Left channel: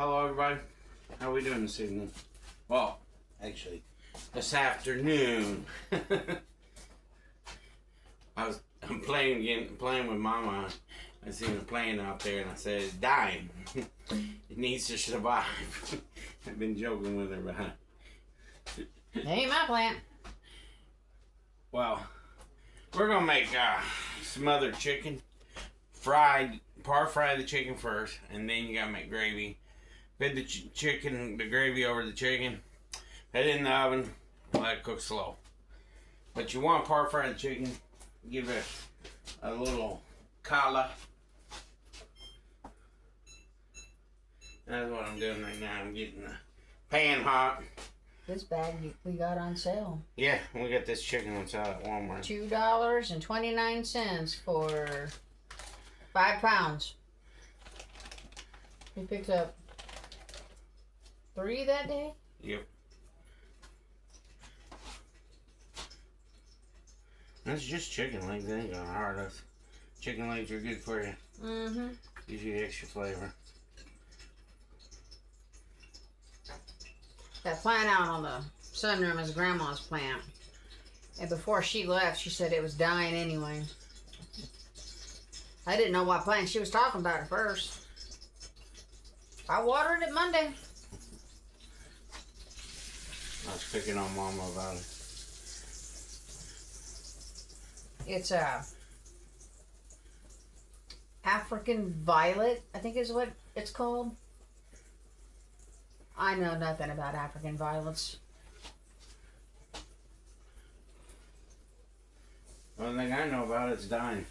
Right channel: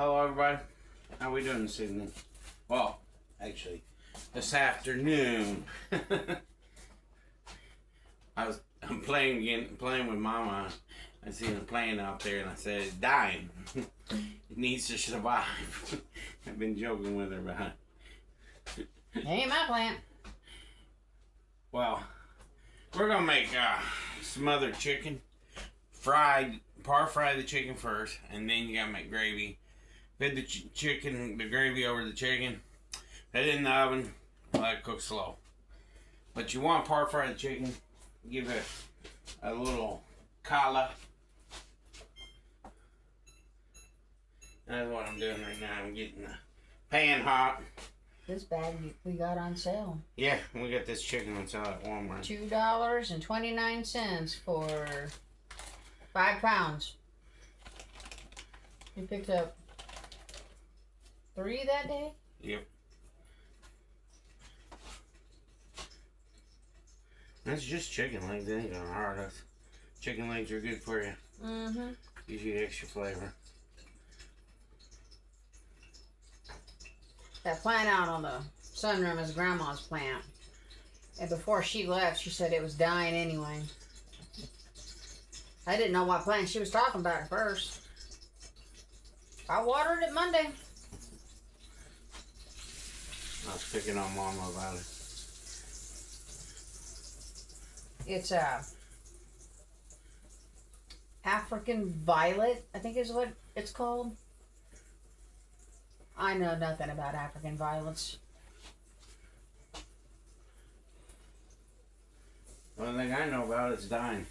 Hello everybody, how we doing this evening? Well, actually, this afternoon. I'm playing with Mama. I seen a plane out there and I said, it's dying. It needs to survive. I've been joking with her behind. It ain't my plant. Well, we're gonna make smothered chicken. Fry the chicken first, and then you gotta make gravy. Put the chicken, the gravy over the chicken. Put it in the oven. Let it cook slow. But you want to par fry the chicken. Give it a little color. That's what I'm doing right now. I'm getting the pan hot. This bag we got on sale. Yeah, we got this chicken on sale at Walmart. $2.29 for 5 pounds. We picked up 3 that day? Yep. That's just chicken legs. They ain't gonna hurt us. Chicken legs are good for you. Mm-hmm. Gives you extra flavor. That plant out on the sunroom is Grandma's plant. And before she left, she said it was dying anyway. I didn't know what plant she was talking about at first. I watered it Monday. I was picking on Mama about it. It's a African violet, I think is what it's called. I know nothing about African violets. The only thing I know about is dying.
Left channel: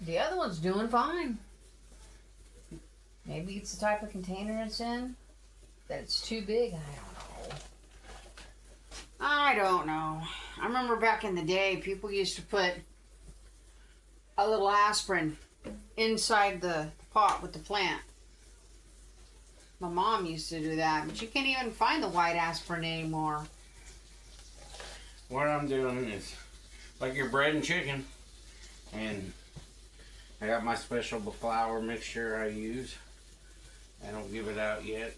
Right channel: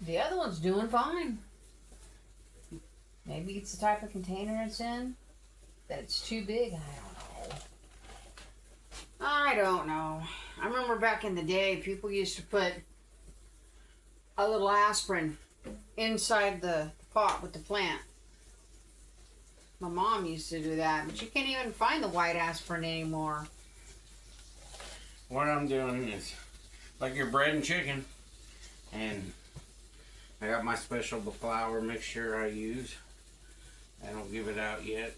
The other one's doing fine. Maybe it's the type of container it's in. That it's too big. I don't know. I remember back in the day, people used to put a little aspirin inside the pot with the plant. My mom used to do that, but you can't even find the white aspirin anymore. What I'm doing is like your bread and chicken, and I got my special flour mixture I use. I don't give it out yet.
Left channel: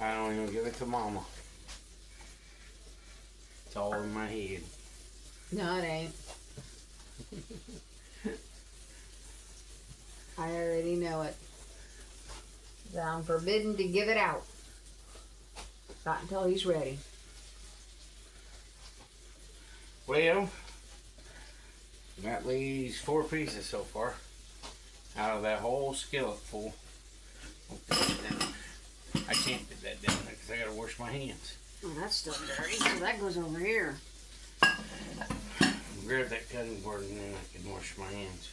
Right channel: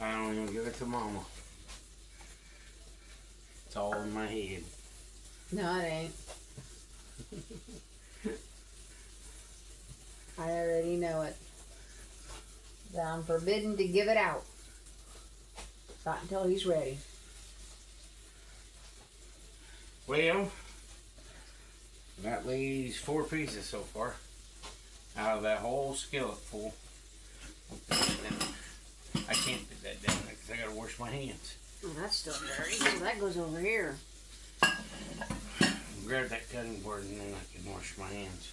I don't even give it to Mama. It's all in my head. No, it ain't. I already know it. I'm forbidden to give it out. Not until he's ready. Well, that leaves 4 pieces so far out of that whole skillet full. I can't put that down there because I gotta wash my hands. Oh, that's still dirty. So that goes over here. Grab that cutting board and then I can wash my hands.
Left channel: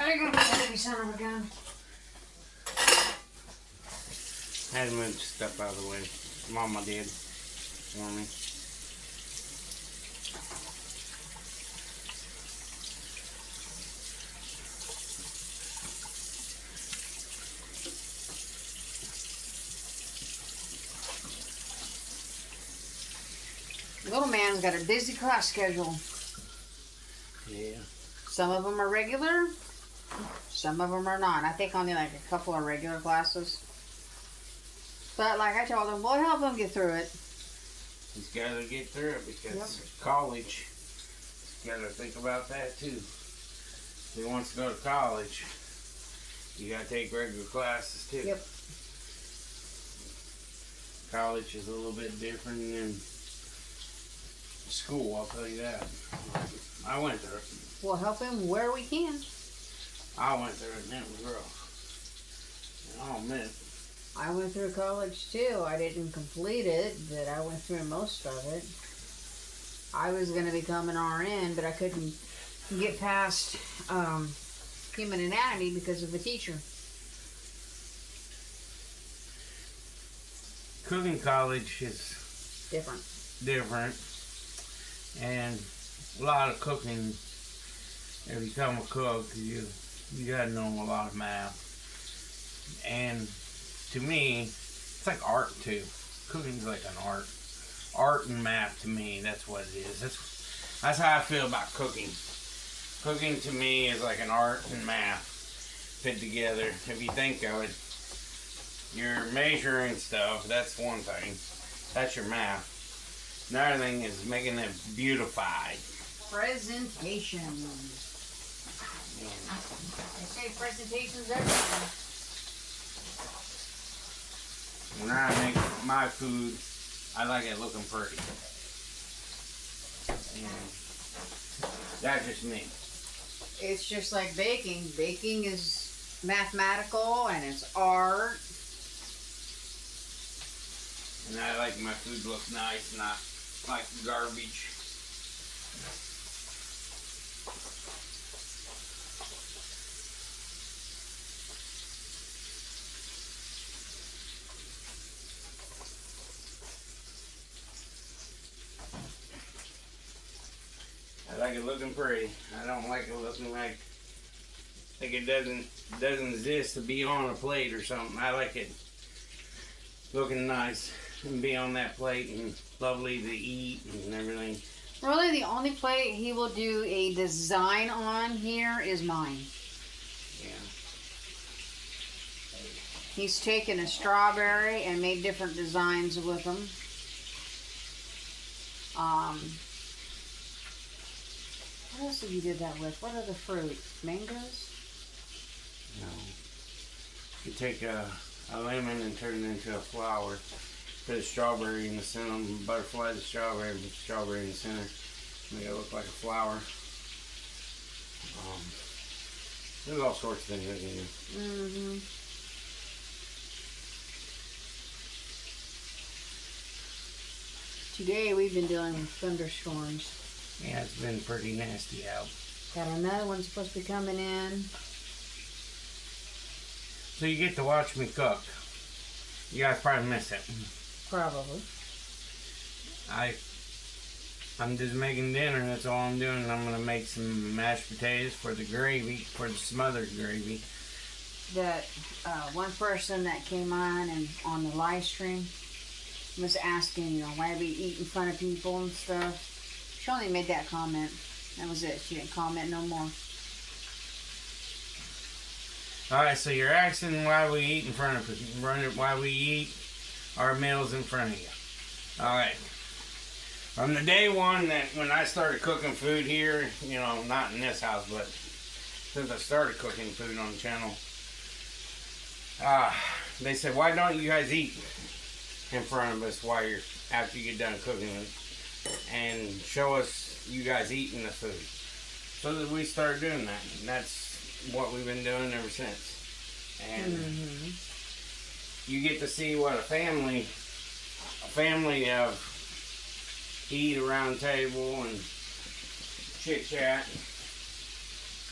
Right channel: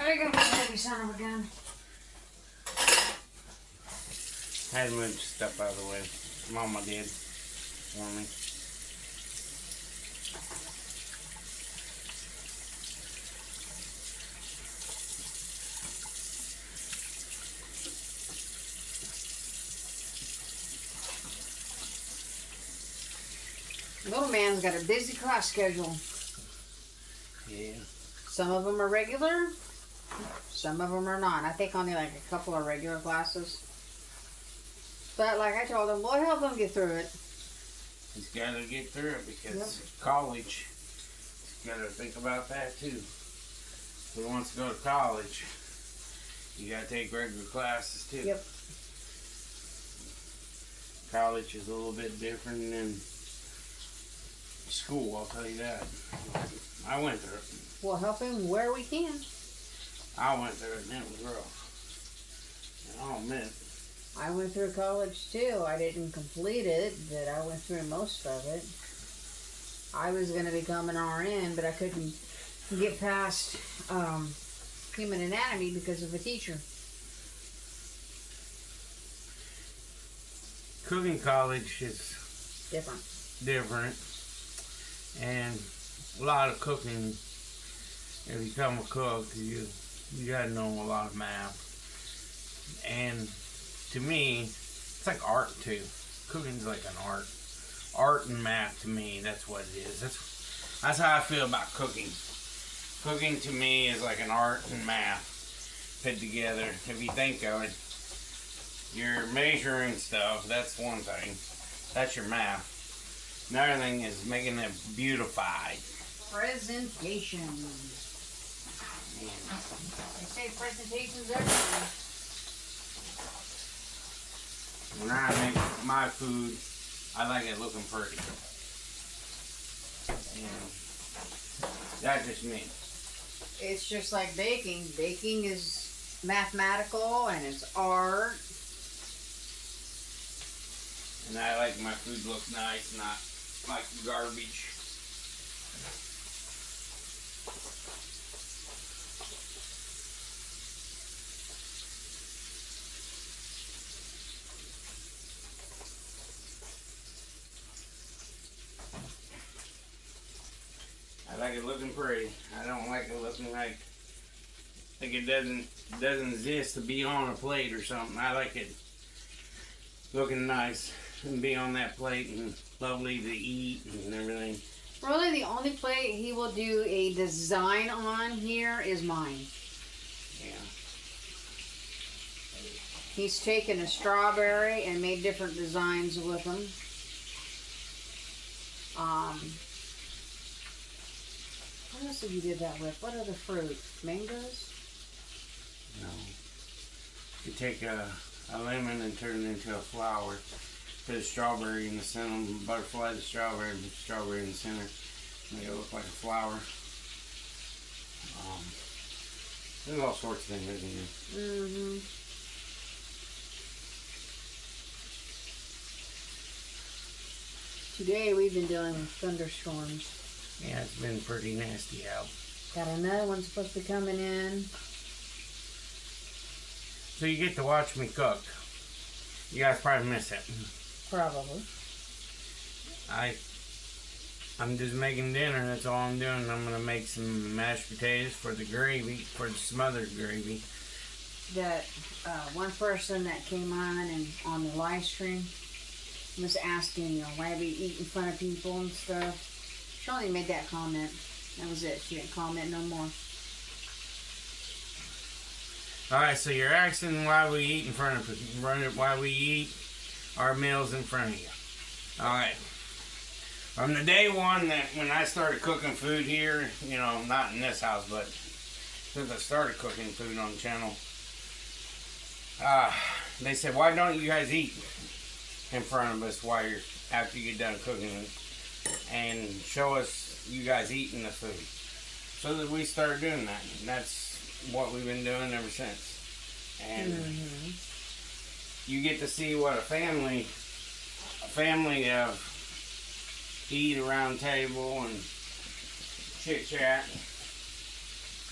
Are you gonna put the son of a gun? I had to move stuff out of the way. Mama did for me. Little man's got a busy class schedule. Yeah. Some of them are regular, some of them are not. I think only like a couple of regular classes. But like I told him, we'll help him get through it. He's got to get through it because college, he's got to think about that too. If he wants to go to college, you got to take regular classes too. Yep. College is a little bit different than school, I'll tell you that. I went through it. We'll help him where we can. I went through it and it was rough. And I'll admit. I went through college too. I didn't complete it, but I went through most of it. I was going to become an RN, but I couldn't get past human anatomy because of the teacher. Cooking college is Different. And a lot of cooking, if you become a cook, you gotta know a lot of math. And to me, it's like art too. Cooking's like an art. Art and math to me, that's what it is. That's how I feel about cooking. Cooking to me is like an art and math put together. If you think of it, you're measuring stuff, that's one thing. That's your math. Another thing is making it beautified. Presentation. They say presentation's everything. When I make my food, I like it looking pretty. And that's just me. It's just like baking. Baking is mathematical and it's art. And I like my food looks nice, not like garbage. I like it looking pretty. I don't like it looking like it doesn't exist to be on a plate or something. I like it looking nice and be on that plate and lovely to eat and everything. Really, the only plate he will do a design on here is mine. Yeah. He's taken a strawberry and made different designs with them. What else did you do that with? What other fruit? Mangoes? No. You take a lemon and turn it into a flower. Put a strawberry in the center, butterfly the strawberry, and put the strawberry in the center. Make it look like a flower. There's all sorts of things I can do. Mm-hmm. Today we've been dealing with thunderstorms. Yeah, it's been pretty nasty out. Got another one supposed to be coming in. So you get to watch me cook. You guys probably miss it. Probably. I'm just making dinner, that's all I'm doing. I'm gonna make some mashed potatoes for the gravy, for the smothered gravy. That one person that came on and on the live stream was asking, you know, why we eat in front of people and stuff. She only made that comment. That was it. She didn't comment no more. Alright, so you're asking why we eat in front of people, why we eat our meals in front of you. Alright. From the day one that when I started cooking food here, you know, not in this house, but since I started cooking food on the channel, they said, why don't you guys eat in front of us while you're, after you get done cooking it, and show us you guys eating the food. So that we started doing that. And that's what we've been doing ever since. And you get to see what a family of eat around table and chit chat.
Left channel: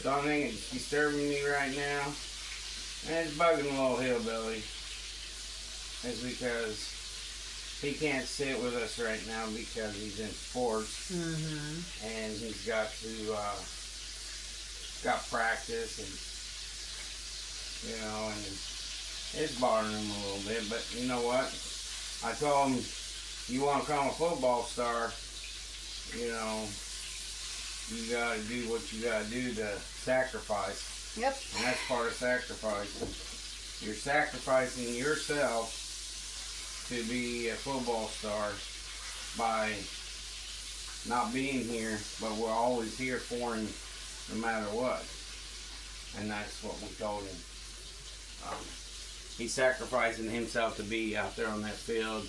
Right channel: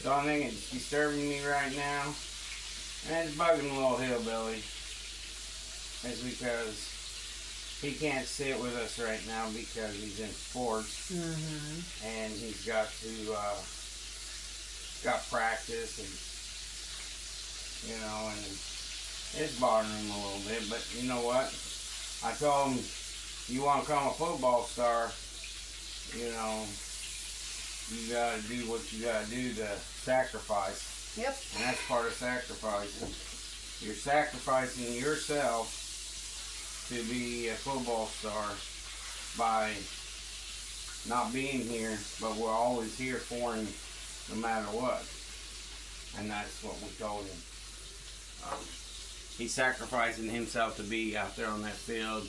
The only thing that's disturbing me right now, and it's bugging a little hillbilly, is because he can't sit with us right now because he's in sports, and he's got to got practice, and you know, and it's bothering him a little bit. But you know what? I told him, you want to become a football star, you know, you got to do what you got to do to sacrifice. Yep. And that's part of sacrificing. You're sacrificing yourself to be a football star by not being here, but we're always here for him no matter what. And that's what we told him. He's sacrificing himself to be out there on that field.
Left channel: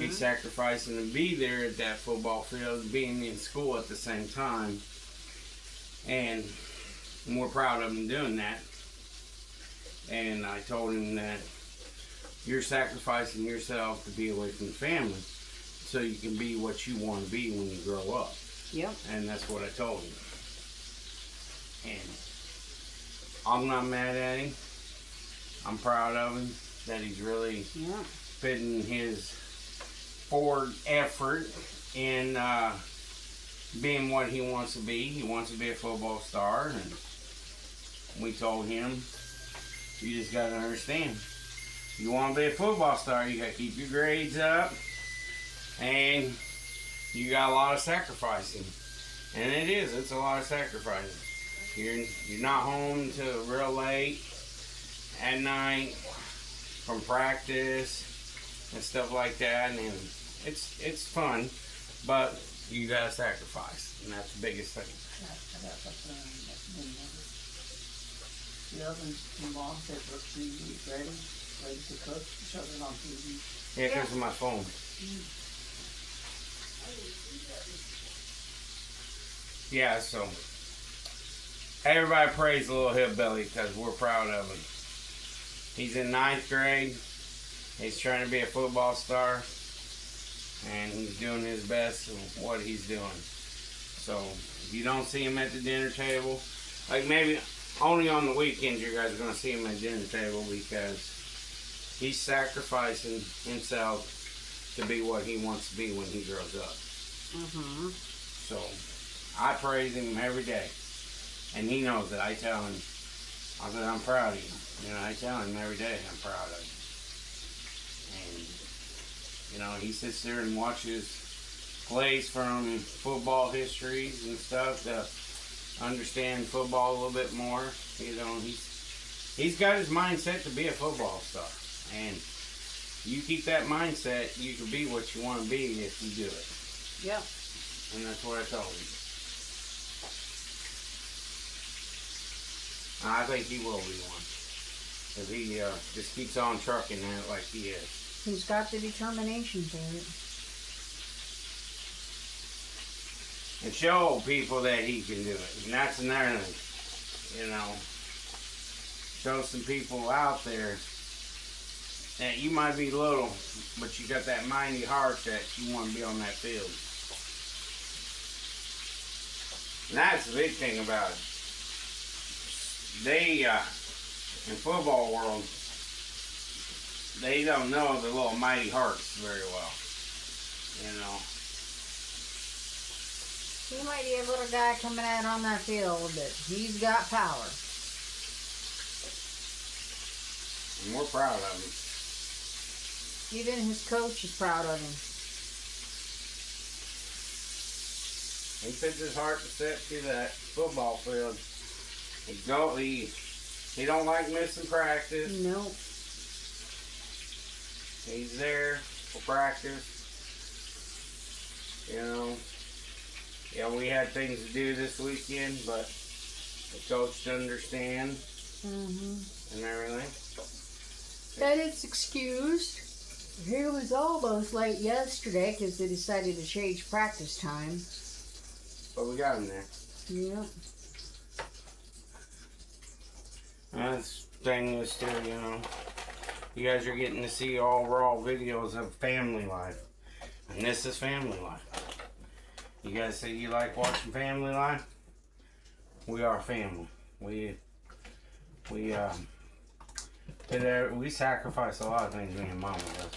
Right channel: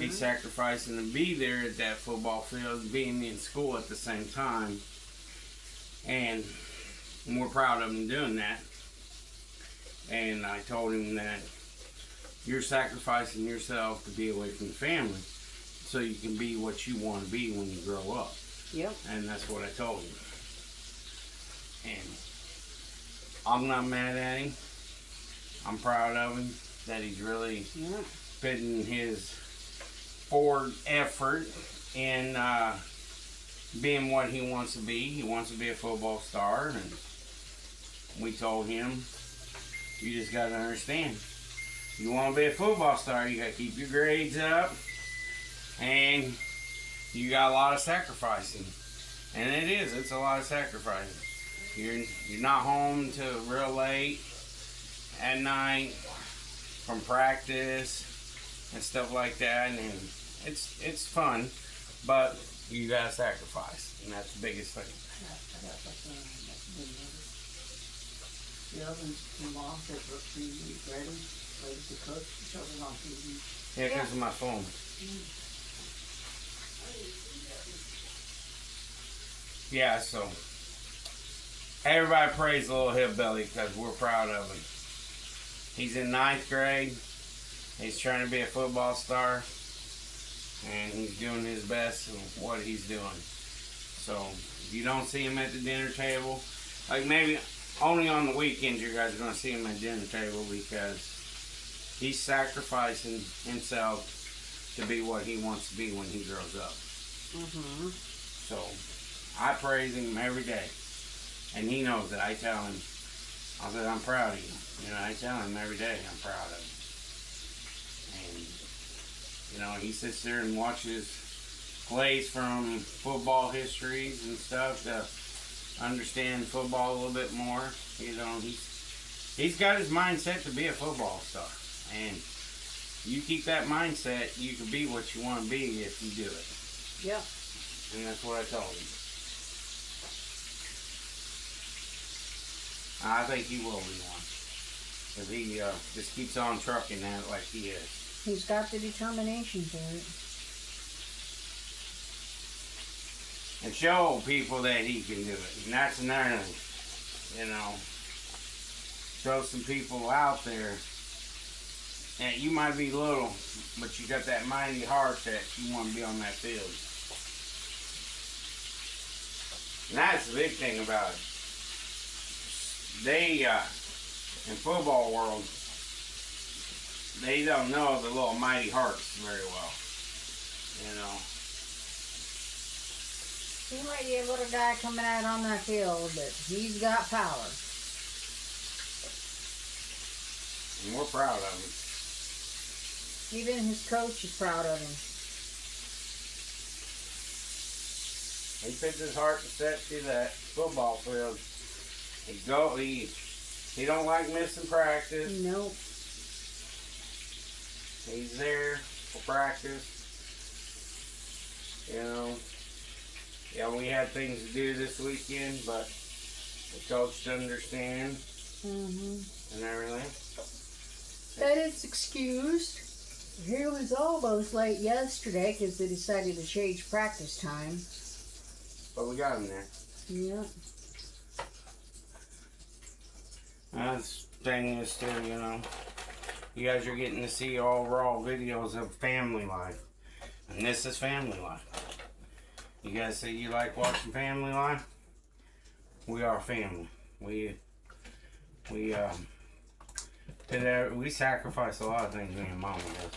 He's sacrificing to be there at that football field, being in school at the same time. And we're proud of him doing that. And I told him that you're sacrificing yourself to be away from the family so you can be what you want to be when you grow up. Yep. And that's what I told him. And I'm not mad at him. I'm proud of him that he's really putting his forward effort in being what he wants to be. He wants to be a football star, and we told him, you just got to understand, you want to be a football star, you got to keep your grades up, and you got a lot of sacrificing. And it's a lot of sacrificing. You're not home till real late at night from practice and stuff like that, and it's fun, but you gotta sacrifice, and that's the biggest thing. The other mom said was she ready to cook, showed it on TV. Yeah, because of my phone. Yeah, so everybody praise the little hillbilly because we're proud of him. He's in 9th grade. He's trying to be a football star, and he's doing his best with what he's doing. So if you don't see him at the dinner table, like maybe only on the weekends you guys are going to see him at the dinner table, because he's sacrificing himself to be what he wants to be when he grows up. Mm-hmm. So I praise him every day, and he knows it. I tell him, I said, I'm proud of you. You know, I tell him every day I'm proud of you. And, you know, he sits there and watches plays from football histories and stuff to understand football a little bit more. You know, he's got his mindset to be a football star. And you keep that mindset, you can be what you want to be if you do it. Yep. And that's what I told him. I think he will be one. Because he just keeps on trucking at it like he is. He's got the determination for it. And show people that he can do it. And that's another thing. You know. Show some people out there that you might be little, but you got that mighty heart that you want to be on that field. And that's the big thing about it. They, in football world, they don't know the little mighty hearts very well. You know. He might be a little guy coming out on that field, but he's got power. And we're proud of him. Even his coach is proud of him. He puts his heart and steps to that football field. He don't like missing practice. Nope. He's there for practice. You know. Yeah, we had things to do this weekend, but the coach didn't understand. Mm-hmm. And everything. That is excused. He was almost late yesterday because they decided to change practice time. But we got him there. Yep. That's the thing is too, you know. You guys are getting to see all raw videos of family life. And this is family life. You guys say you like watching family life? We are family. We sacrifice a lot of things me and Mama does.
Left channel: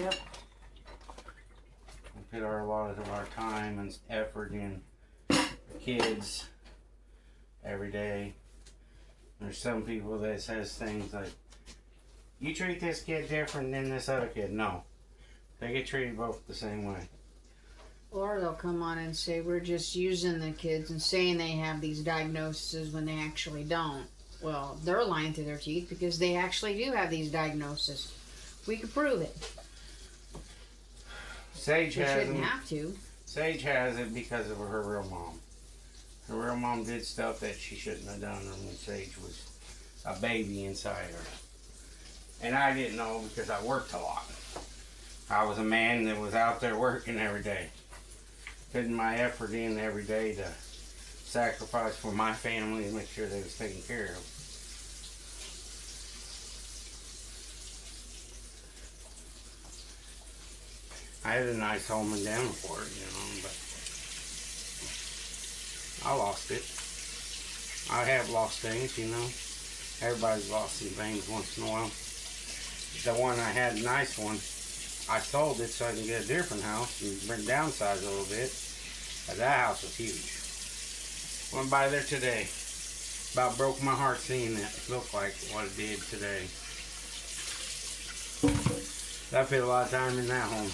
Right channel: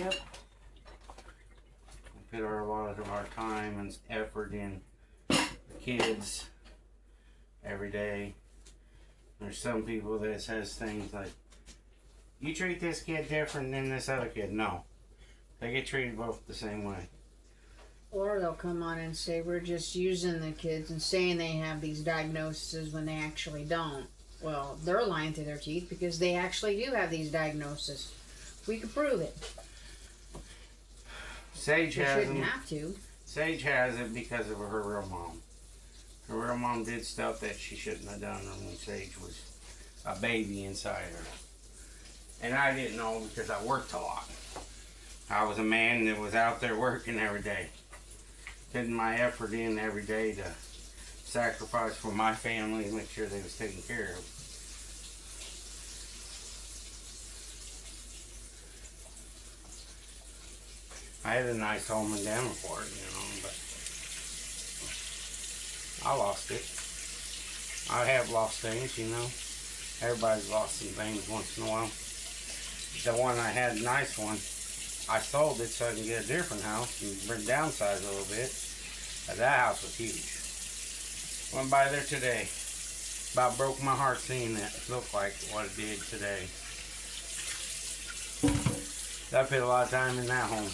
Yep. We put a lot of our time and effort in the kids every day. There's some people that says things like, you treat this kid different than this other kid. No. They get treated both the same way. Or they'll come on and say, we're just using the kids and saying they have these diagnoses when they actually don't. Well, they're lying through their teeth because they actually do have these diagnoses. We can prove it. Sage We has shouldn't them. have to. Sage has it because of her real mom. Her real mom did stuff that she shouldn't have done when Sage was a baby inside her. And I didn't know because I worked a lot. I was a man that was out there working every day. Putting my effort in every day to sacrifice for my family and make sure they was taken care of. I had a nice home in Davenport, you know, but I lost it. I have lost things, you know. Everybody's lost some things once in a while. The one I had, nice one, I sold it so I can get a different house and downsize a little bit. But that house was huge. Went by there today. About broke my heart seeing it look like what it did today. I put a lot of time in that home.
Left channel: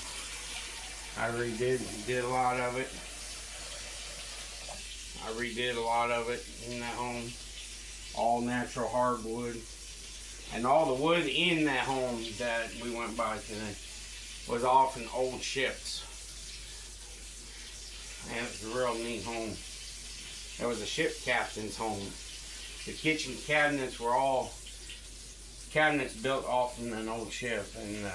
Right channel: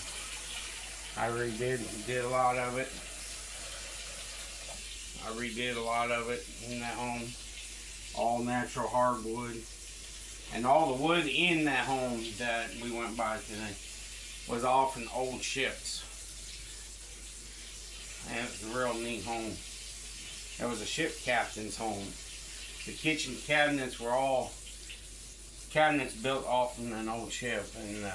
I redid a lot of it. I redid a lot of it in that home. All natural hardwood. And all the wood in that home that we went by today was often old ships. And it's a real neat home. It was a ship captain's home. The kitchen cabinets were all cabinets built off of an old ship, and the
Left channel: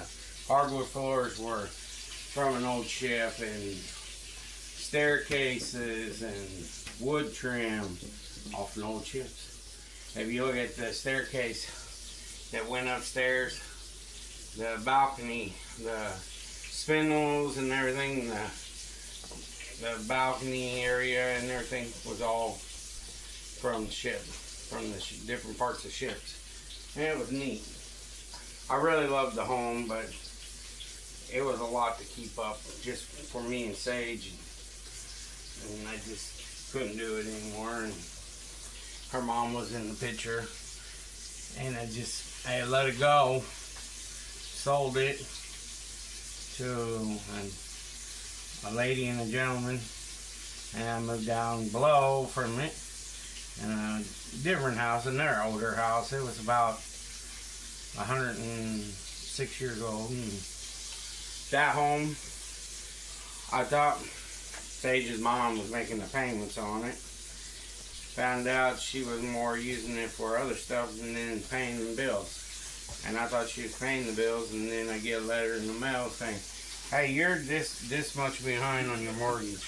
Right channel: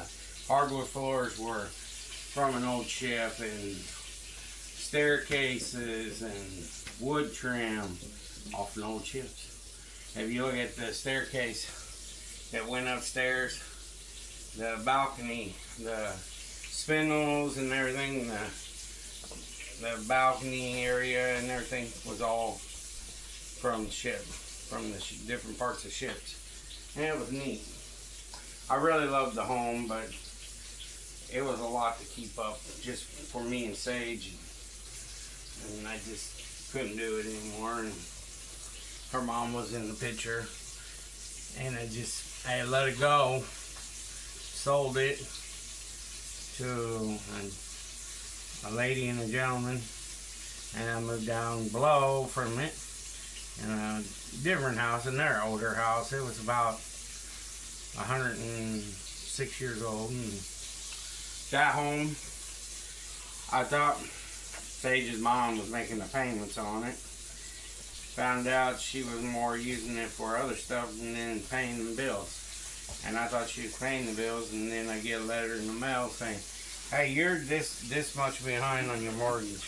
hardwood floors were from an old ship, and staircases and wood trim off an old ship. If you look at the staircase that went upstairs, the balcony, the spindles and everything, the balcony area and everything was all from the ship, from the different parts of ships. And it was neat. I really loved the home, but it was a lot to keep up just for me and Sage. And I just couldn't do it anymore. And her mom was in the picture. And I let it go. Sold it to a lady and a gentleman. And I moved down below from it. In a different house, in their older house. It was about 106 years old. And that home, I thought Sage's mom was making the payments on it. Found out she was more using it for other stuff than then paying the bills. And I thought she was paying the bills, and then I get a letter in the mail saying, hey, you're this much behind on your mortgage.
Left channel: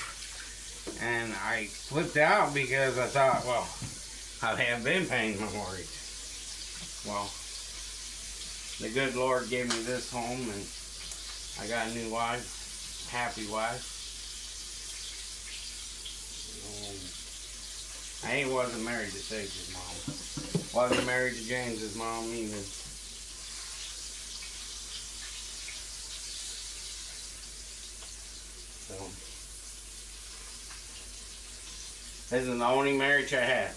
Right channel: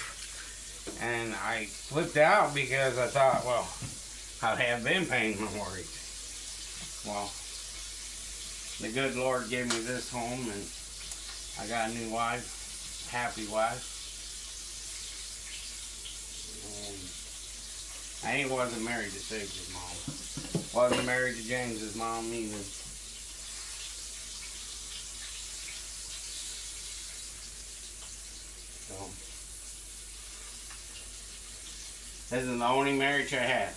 And I flipped out because I thought, well, I have been paying my mortgage. Well, the good Lord gave me this home, and I got a new wife, happy wife. And I wasn't married to Sage's mom. Wasn't married to James's mom either. So, this is the only marriage I had.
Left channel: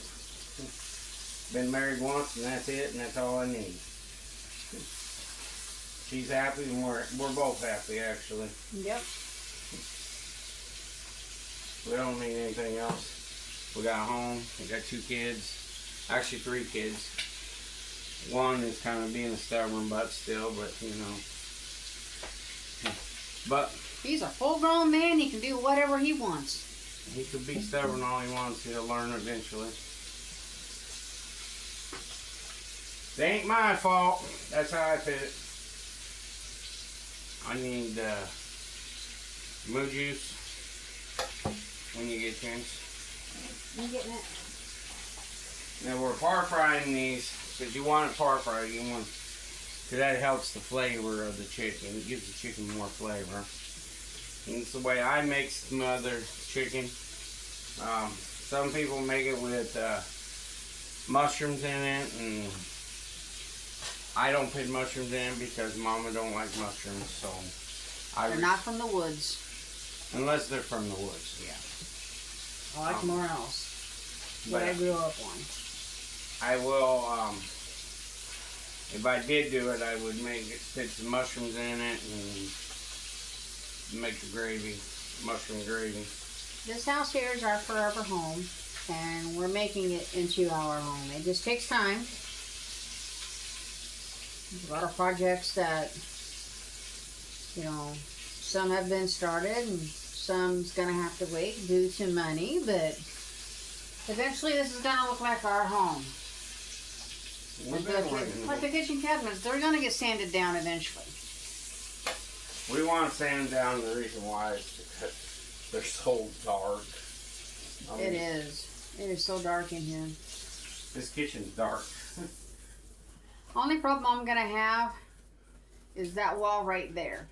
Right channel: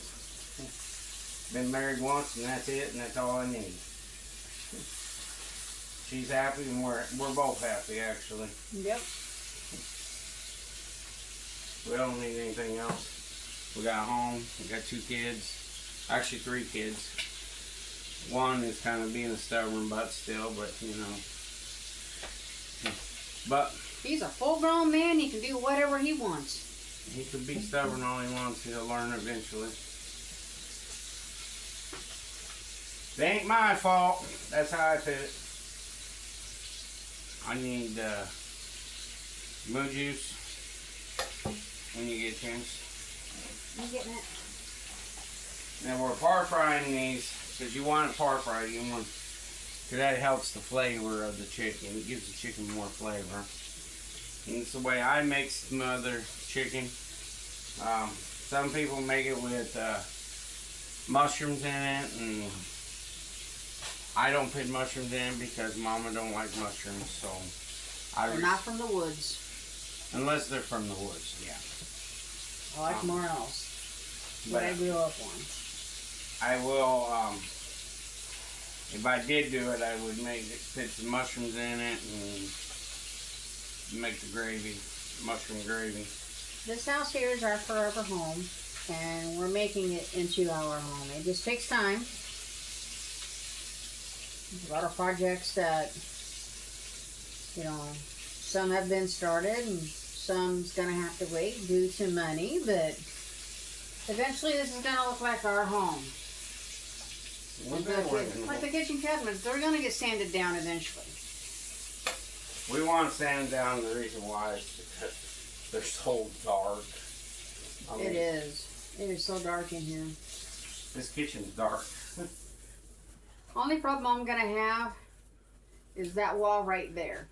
Been married once, and that's it, and that's all I need. She's happy, and we're both happy, actually. Yep. We don't need anything else. We got a home. We got 2 kids. Actually, 3 kids. One is kind of being a stubborn butt still, but you know. But He's a full-grown man. He can do whatever he wants. he could be stubborn all he wants to. He'll learn eventually. It ain't my fault. That's how I put it. I need moo juice when you get a chance. You getting it? Now we're par frying these. So if you want it par fried, you want, because that helps the flavor of the chicken. It gives the chicken more flavor. And it's the way I make smothered chicken. Some people make it with mushrooms in it, and I don't put mushrooms in because Mama don't like mushrooms. So They're not from the woods. Unless they're from the woods, yeah. I like more else. What I grew up on. I will, if I did do it, I would put some mushrooms in it and make the gravy, mushroom gravy. This house here is our forever home, and we're making it into our home. It just takes time. There's a lot of projects that, you know, some have been started and some's going to have to wait due to money, but eventually this is going to look like our home. Like the kitchen cabinets, they're going to get sanded down eventually. We want to sand down. The reason why is because they're so dark. It is. It is so dark in here. This kitchen's dark. Only problem I'm going to have is that wall right there.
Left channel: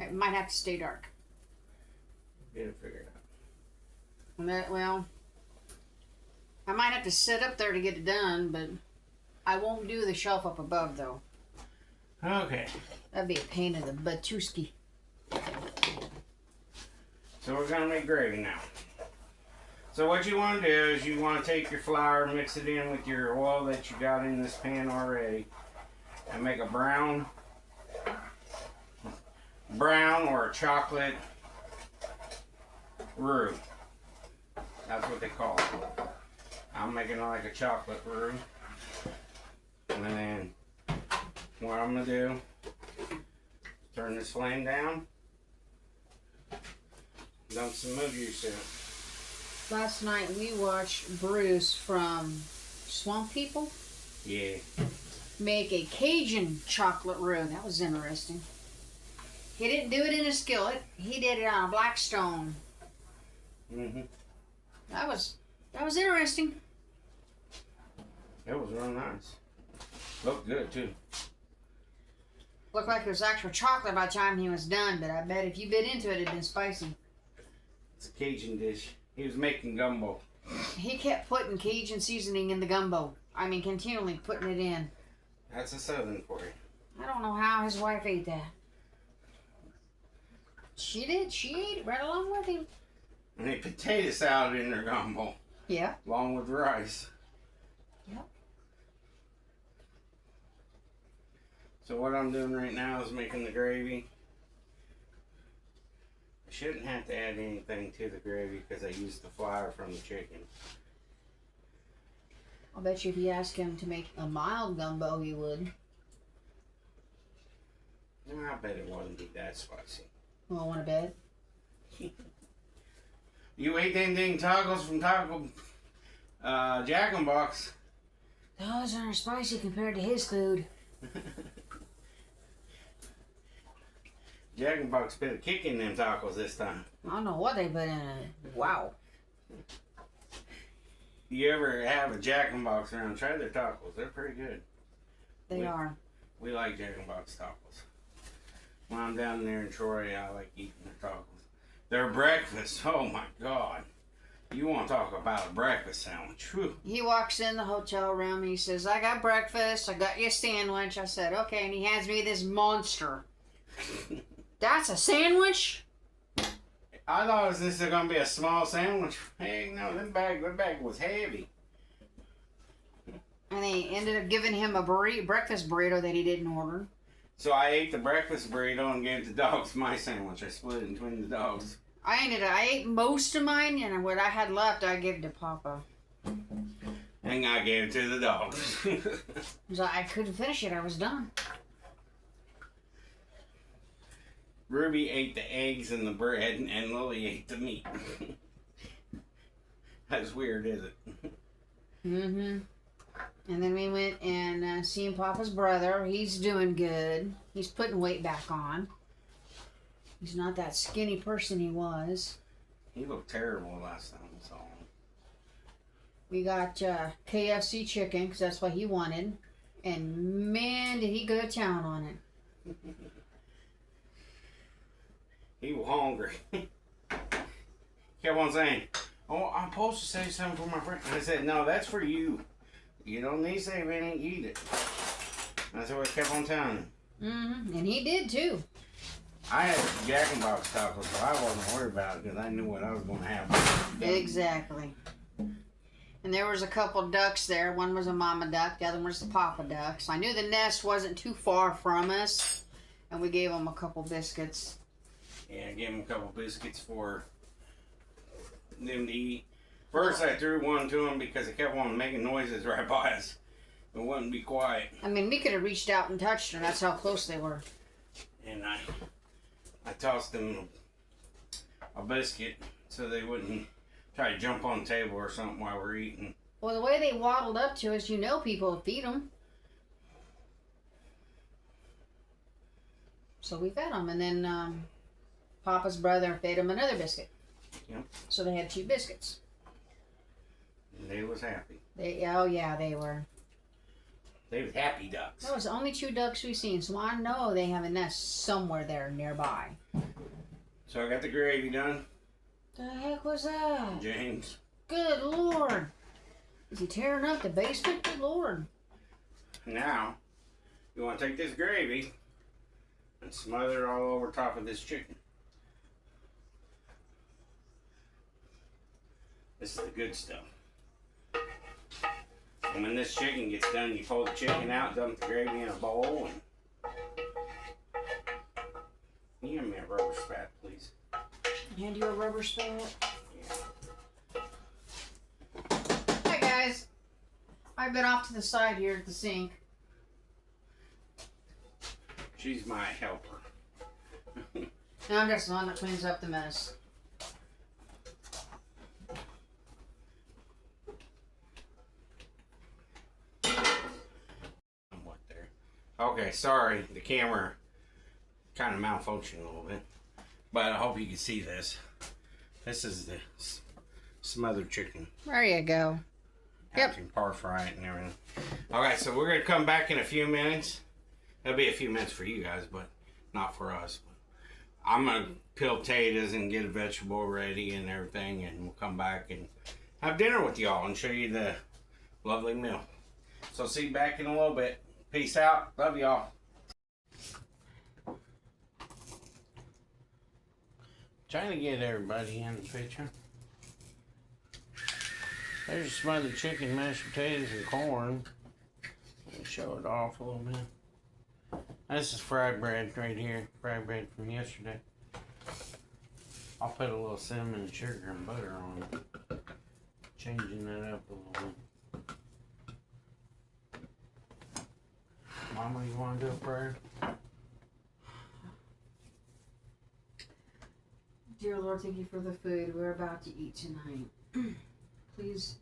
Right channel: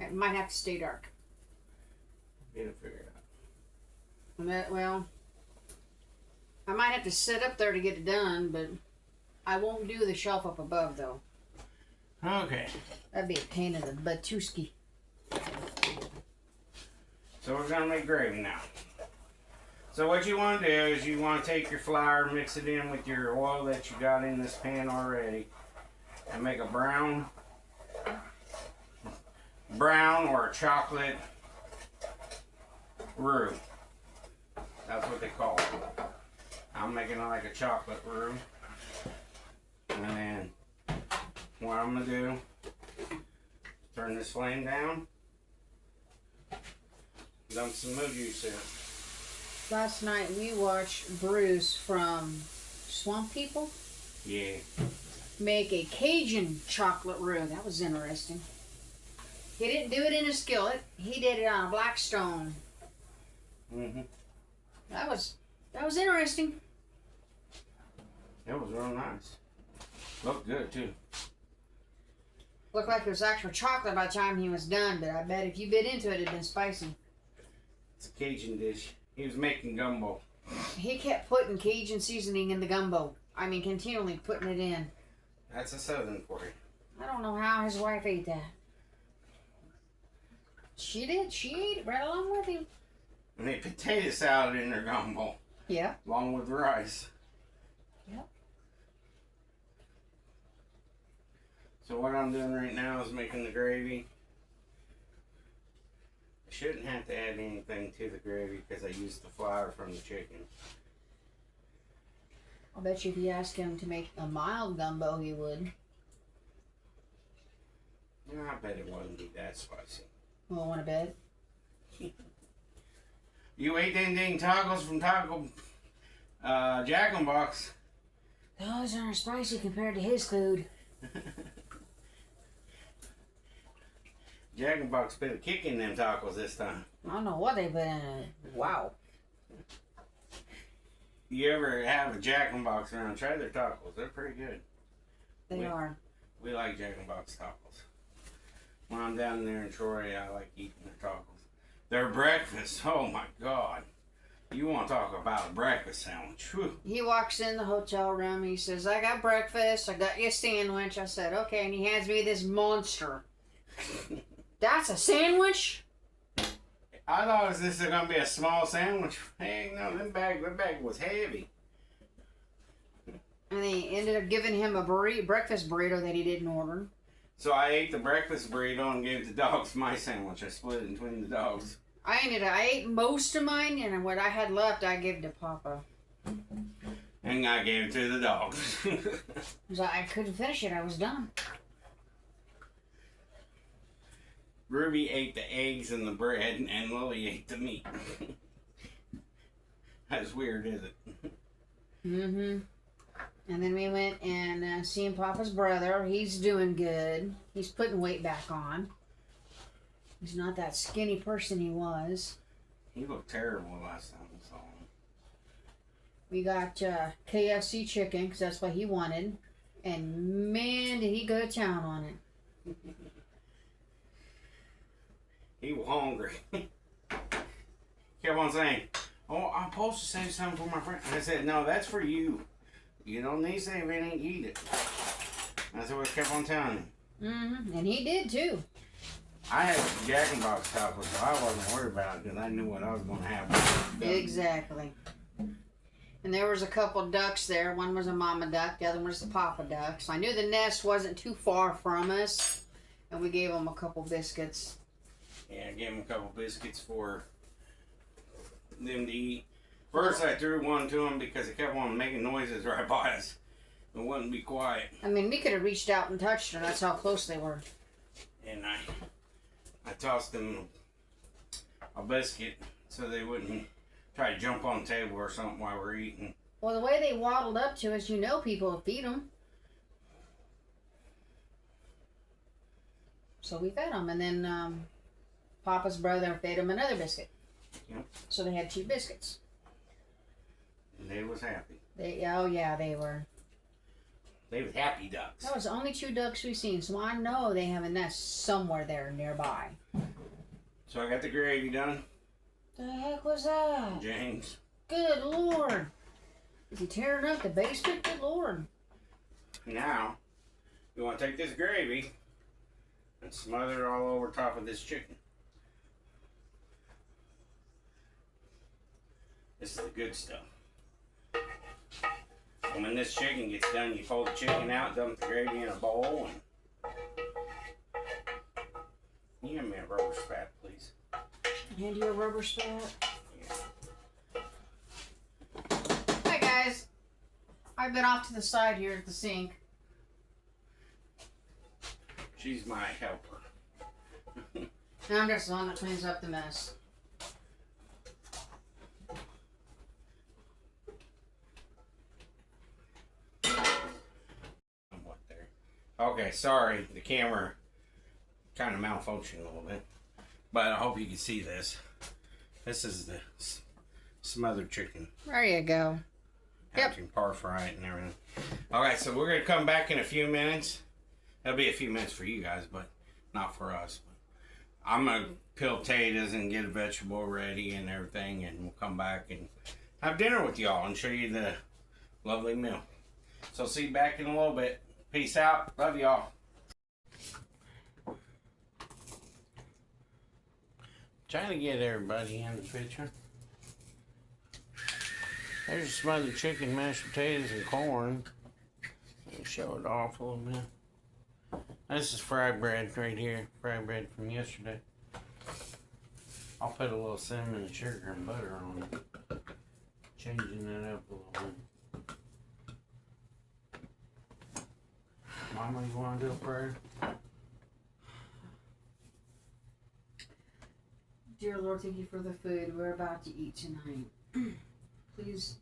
It might have to stay dark. Didn't figure it out. But, well, I might have to sit up there to get it done, but I won't do the shelf up above, though. Okay. That'd be a pain in the batuski. So we're going to make gravy now. So what you want to do is you want to take your flour, mix it in with your oil that you got in this pan already, and make a brown or a chocolate roux. That's what they call it. I'm making it like a chocolate roux. And then what I'm gonna do, turn this flame down, dump some milk juice in it. Last night we watched Bruce from Swamp People make a Cajun chocolate roux. That was interesting. He didn't do it in a skillet. He did it on a Blackstone. That was interesting. It was real nice. Looked good too. Looked like it was actual chocolate by the time he was done, but I bet if you bit into it, it'd been spicy. It's a Cajun dish. He was making gumbo. He kept putting Cajun seasoning in the gumbo. I mean, continually putting it in. That's a southern for you. I don't know how his wife ate that. She did. She ate it right along with him. And they potato salad in their gumbo. Yeah. Along with rice. Yep. So what I'm doing right now is making the gravy. I shouldn't have to add anything to the gravy because I used the flour from the chicken. I'll bet you if you ask him to make a mild gumbo, he would. I bet it wouldn't be that spicy. Well, want to bet? You ate them dang tacos from Taco Jack in the Box. Those aren't spicy compared to his food. Jack in the Box put a kick in them tacos this time. I don't know what they put in it. Wow. You ever have a Jack in the Box around? Try their tacos. They're pretty good. They are. We like Jack in the Box tacos. When I'm down there in Troy, I like eating their tacos. Their breakfast, oh my God. You want to talk about a breakfast sandwich. Whew. He walks in the hotel room. He says, I got breakfast. I got you a sandwich. I said, okay. And he hands me this monster. That's a sandwich? I thought this was going to be a small sandwich. Hey, no, that bag was heavy. And they ended up giving him a breakfast burrito that he didn't order. So I ate the breakfast burrito and gave the dogs my sandwich. I split it between the dogs. I ate most of mine, and what I had left, I gave to Papa. And I gave it to the dogs. Because I couldn't finish it. I was done. Ruby ate the eggs and the bread, and Lily ate the meat. That's weird, is it? Mm-hmm. And then we went and seen Papa's brother. He's doing good. He's putting weight back on. He's not that skinny person he was. He looked terrible last time I saw him. We got KFC chicken, because that's what he wanted. And man, did he go to town on it. He was hungry. Kept on saying, oh, I'm supposed to save something for my friend. I said, no, that's for you. You don't need to save any, eat it. That's what I kept on telling him. Mm-hmm. And he did too. I had Jack in the Box tacos, so I wasn't worried about it because I knew what I was going to have. Exactly. And there was a couple ducks there. One was a mama duck, the other one was the papa duck. So I knew the nest wasn't too far from us. And we gave them a couple biscuits. Yeah, I gave them a couple biscuits for them to eat. First, I threw one to them because it kept on making noises right by us. It wouldn't be quiet. I mean, we could have reached out and touched her. That's how close they were. And I tossed them a biscuit so they wouldn't try to jump on the table or something while we're eating. Well, the way they waddled up to us, you know people will feed them. So we fed them. And then Papa's brother fed him another biscuit. Yep. So they had 2 biscuits. And they was happy. Oh yeah, they were. They was happy ducks. That was the only 2 ducks we've seen, so I know they have a nest somewhere there nearby. So I got the gravy done. The heck was that? James. Good Lord. Is he tearing up the basement? Good Lord. Now, you want to take this gravy and smother it all over top of this chicken. This is the good stuff. And when this chicken gets done, you pull the chicken out, dump the gravy in a bowl, and can you give me a rubber spat, please? Hand you a rubber spat. Yeah. Hi guys. I've been off to the side here at the sink. She's my helper. Now I'm just the one that cleans up the mess. Somewhat there. Okay, sorry, the camera kind of malfunctioned a little bit, but I hope you can see this. This is the smothered chicken. There you go. Yep. Par fry it and everything. Okay, so we're gonna come back in a few minutes. That'll be a few minutes for you guys, but not for us. I'm gonna peel potatoes and get a vegetable ready and everything, and we'll come back and have dinner with y'all and show you the lovely meal. So see you back in a little bit. Peace out. Love y'all. Trying to get everybody in the picture. There's smothered chicken, mashed potatoes, and corn. I'll show it off a little bit. This is fried bread right here. Fried bread from yesterday. I'll put a little cinnamon and sugar and butter on it. Changing that up a little bit. Mama, you want to do a prayer? Dear Lord, thank you for the food we're about to eat tonight. Please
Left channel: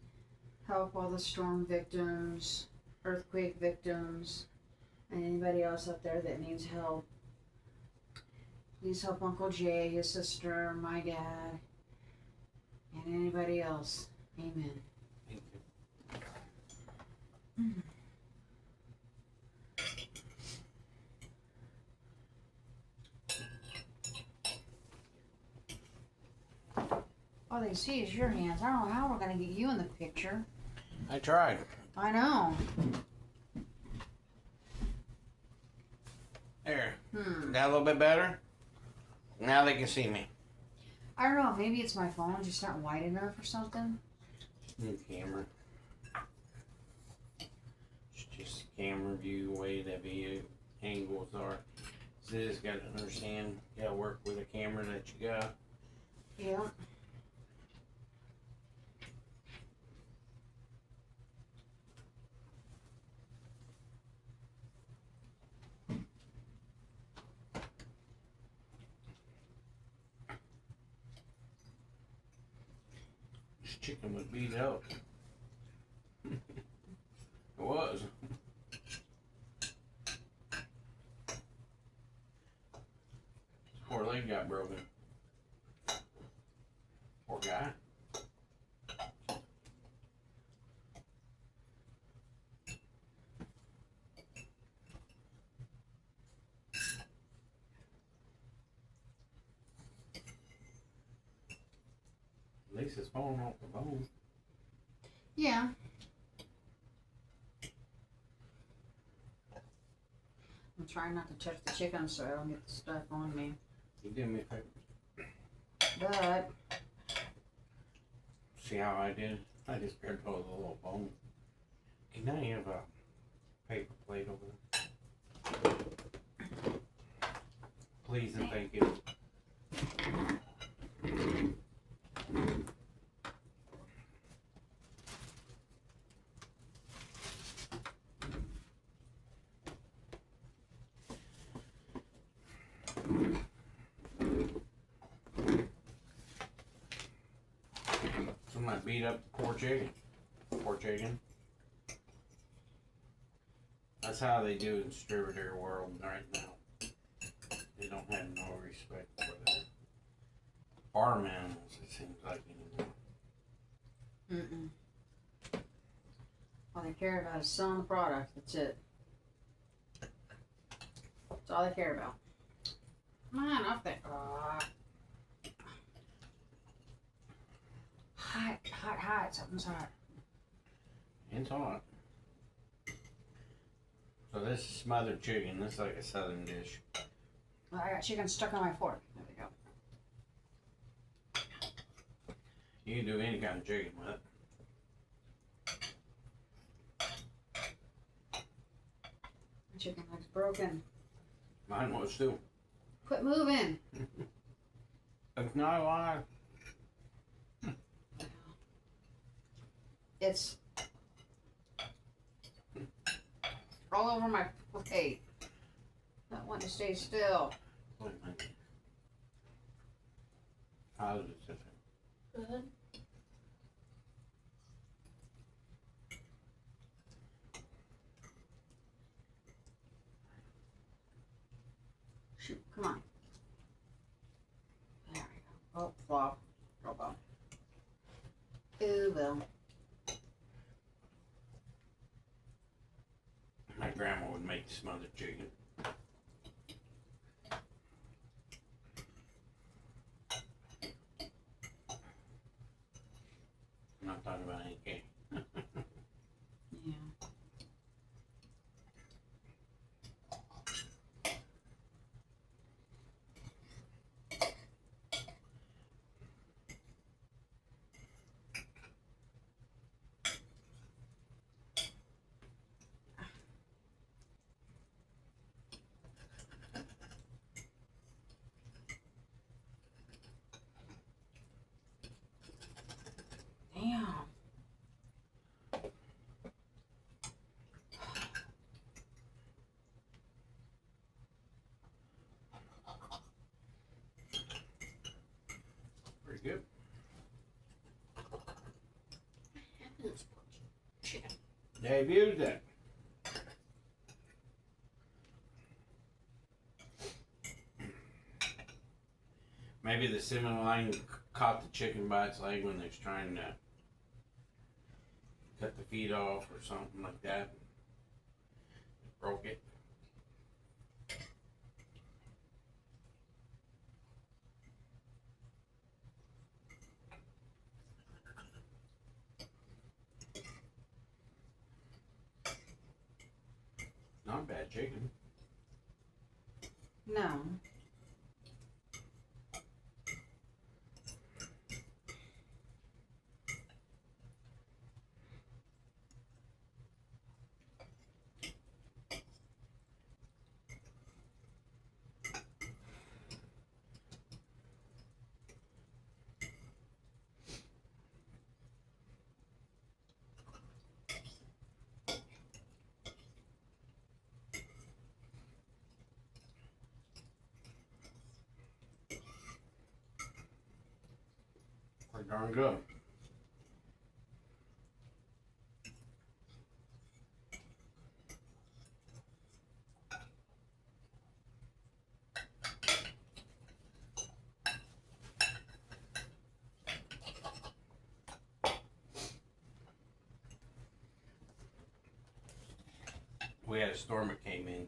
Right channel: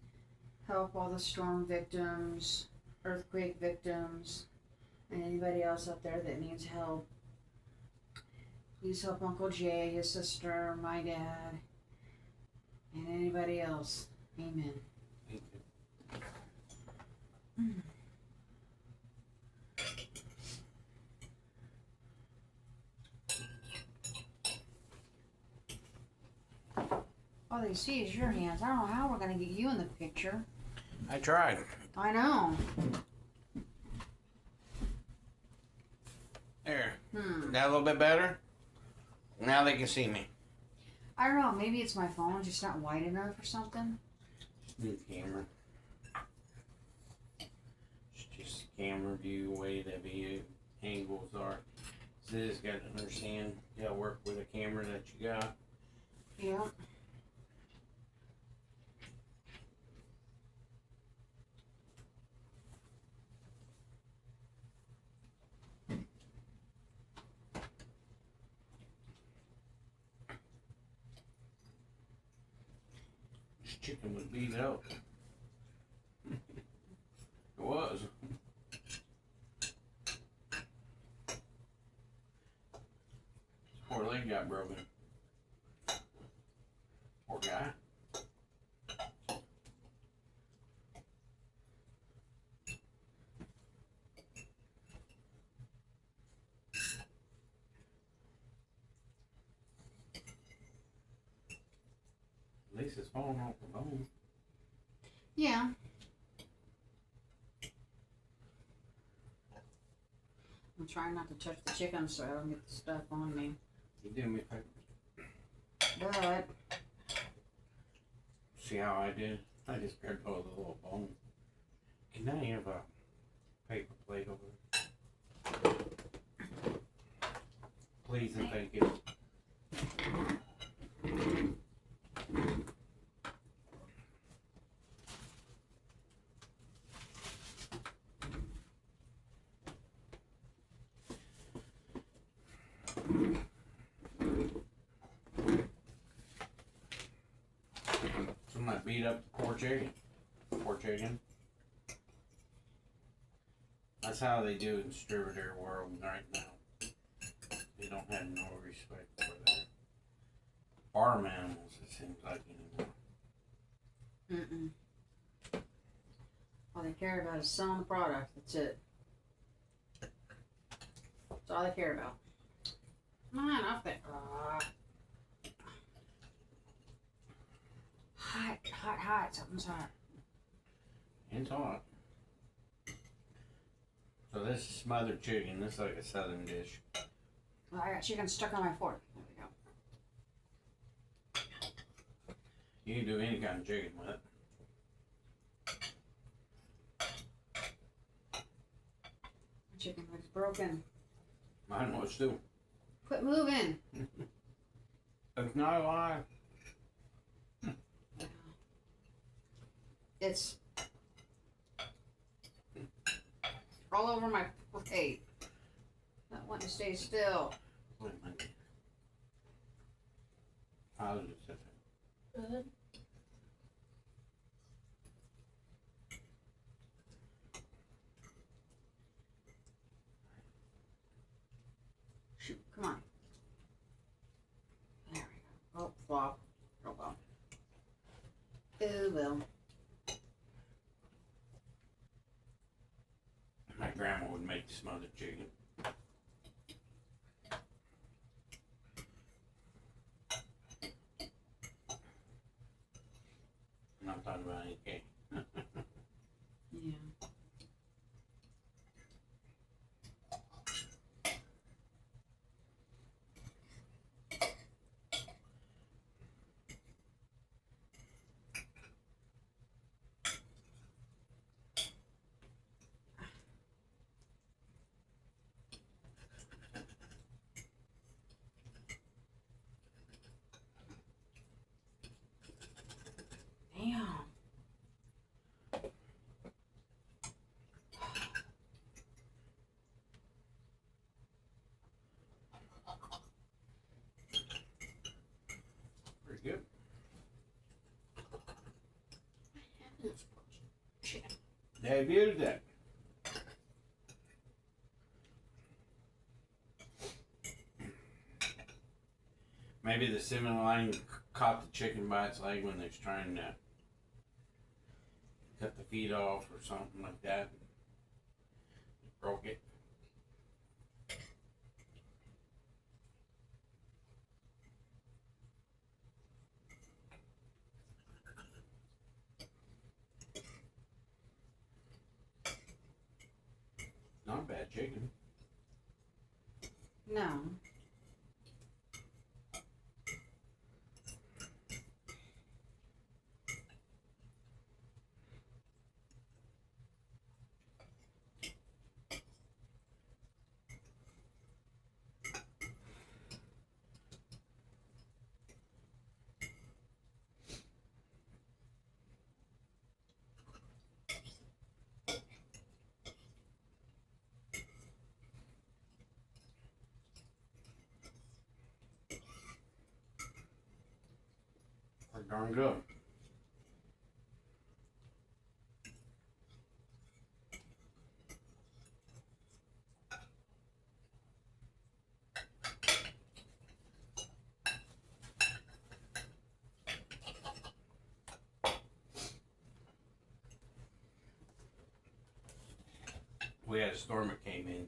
help all the storm victims, earthquake victims, and anybody else out there that needs help. Please help Uncle Jay, his sister, my dad, and anybody else. Amen. Thank you. All they see is your hands. I don't know how we're going to get you in the picture. I tried. I know. There. That a little bit better? Now they can see me. I don't know. Maybe it's my phone just not wide enough or something. New camera. It's just camera view, way the view angles are. So you just got to understand, you got to work with a camera that you got. Yeah. This chicken was beat up. It was. Poor leg got broken. Poor guy. At least it's falling off the bone. Yeah. I'm trying not to touch the chicken so I don't get the stuff on me. You do me a favor. But See how I did? I just grabbed hold of the little bone. Can I have a paper plate over there? Please and thank you. Some of my beat up poor chicken. Poor chicken. That's how they do in distributor world right now. They don't have no respect for their farm animals, it seems like anymore. all they care about is selling the product. That's it. That's all they care about. Come on, up there. Hot, hot, hot. Something's hot. It's hot. So this is smothered chicken. This is like a southern dish. Well, I got chicken stuck on my fork. There we go. You can do any kind of chicken with it. The chicken leg's broken. Mine was too. Quit moving. That's not a lie. It's all over my plate. Not wanting to stay still. Wait a minute. How does it sit there? Good. Shoot, come on. There we go. Oh, flop. Oh, well. Ooh, well. My grandma would make the smothered chicken. I'm not talking about any cake. Yeah. Damn. Pretty good. Chicken. They've used it. Maybe the cinnamon line caught the chicken by its leg when they was trying to cut the feet off or something like that. Broke it. Not bad chicken. No. Pretty darn good. We had a storm that came in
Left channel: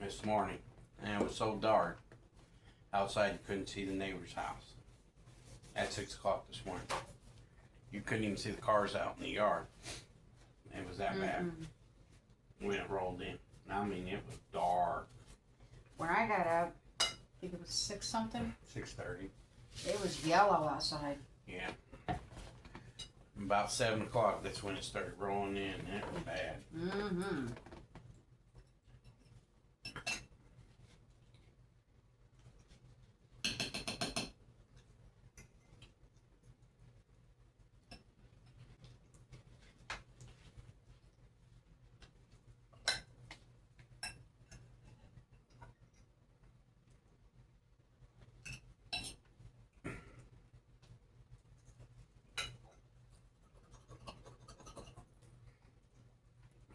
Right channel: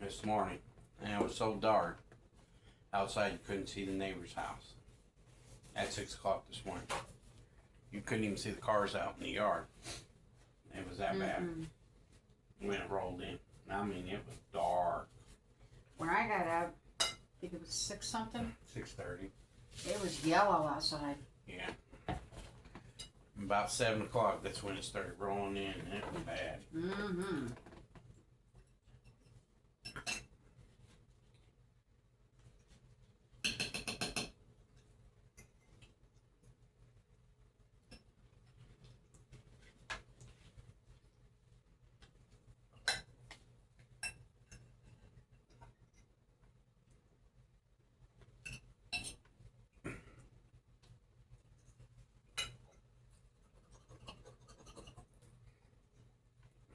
this morning, and it was so dark outside you couldn't see the neighbor's house at 6 o'clock this morning. You couldn't even see the cars out in the yard. It was that bad when it rolled in. I mean, it was dark. When I got out, I think it was 6 something. 6:30. It was yellow outside. Yeah. About 7 o'clock, that's when it started rolling in, and it was bad. Mm-hmm.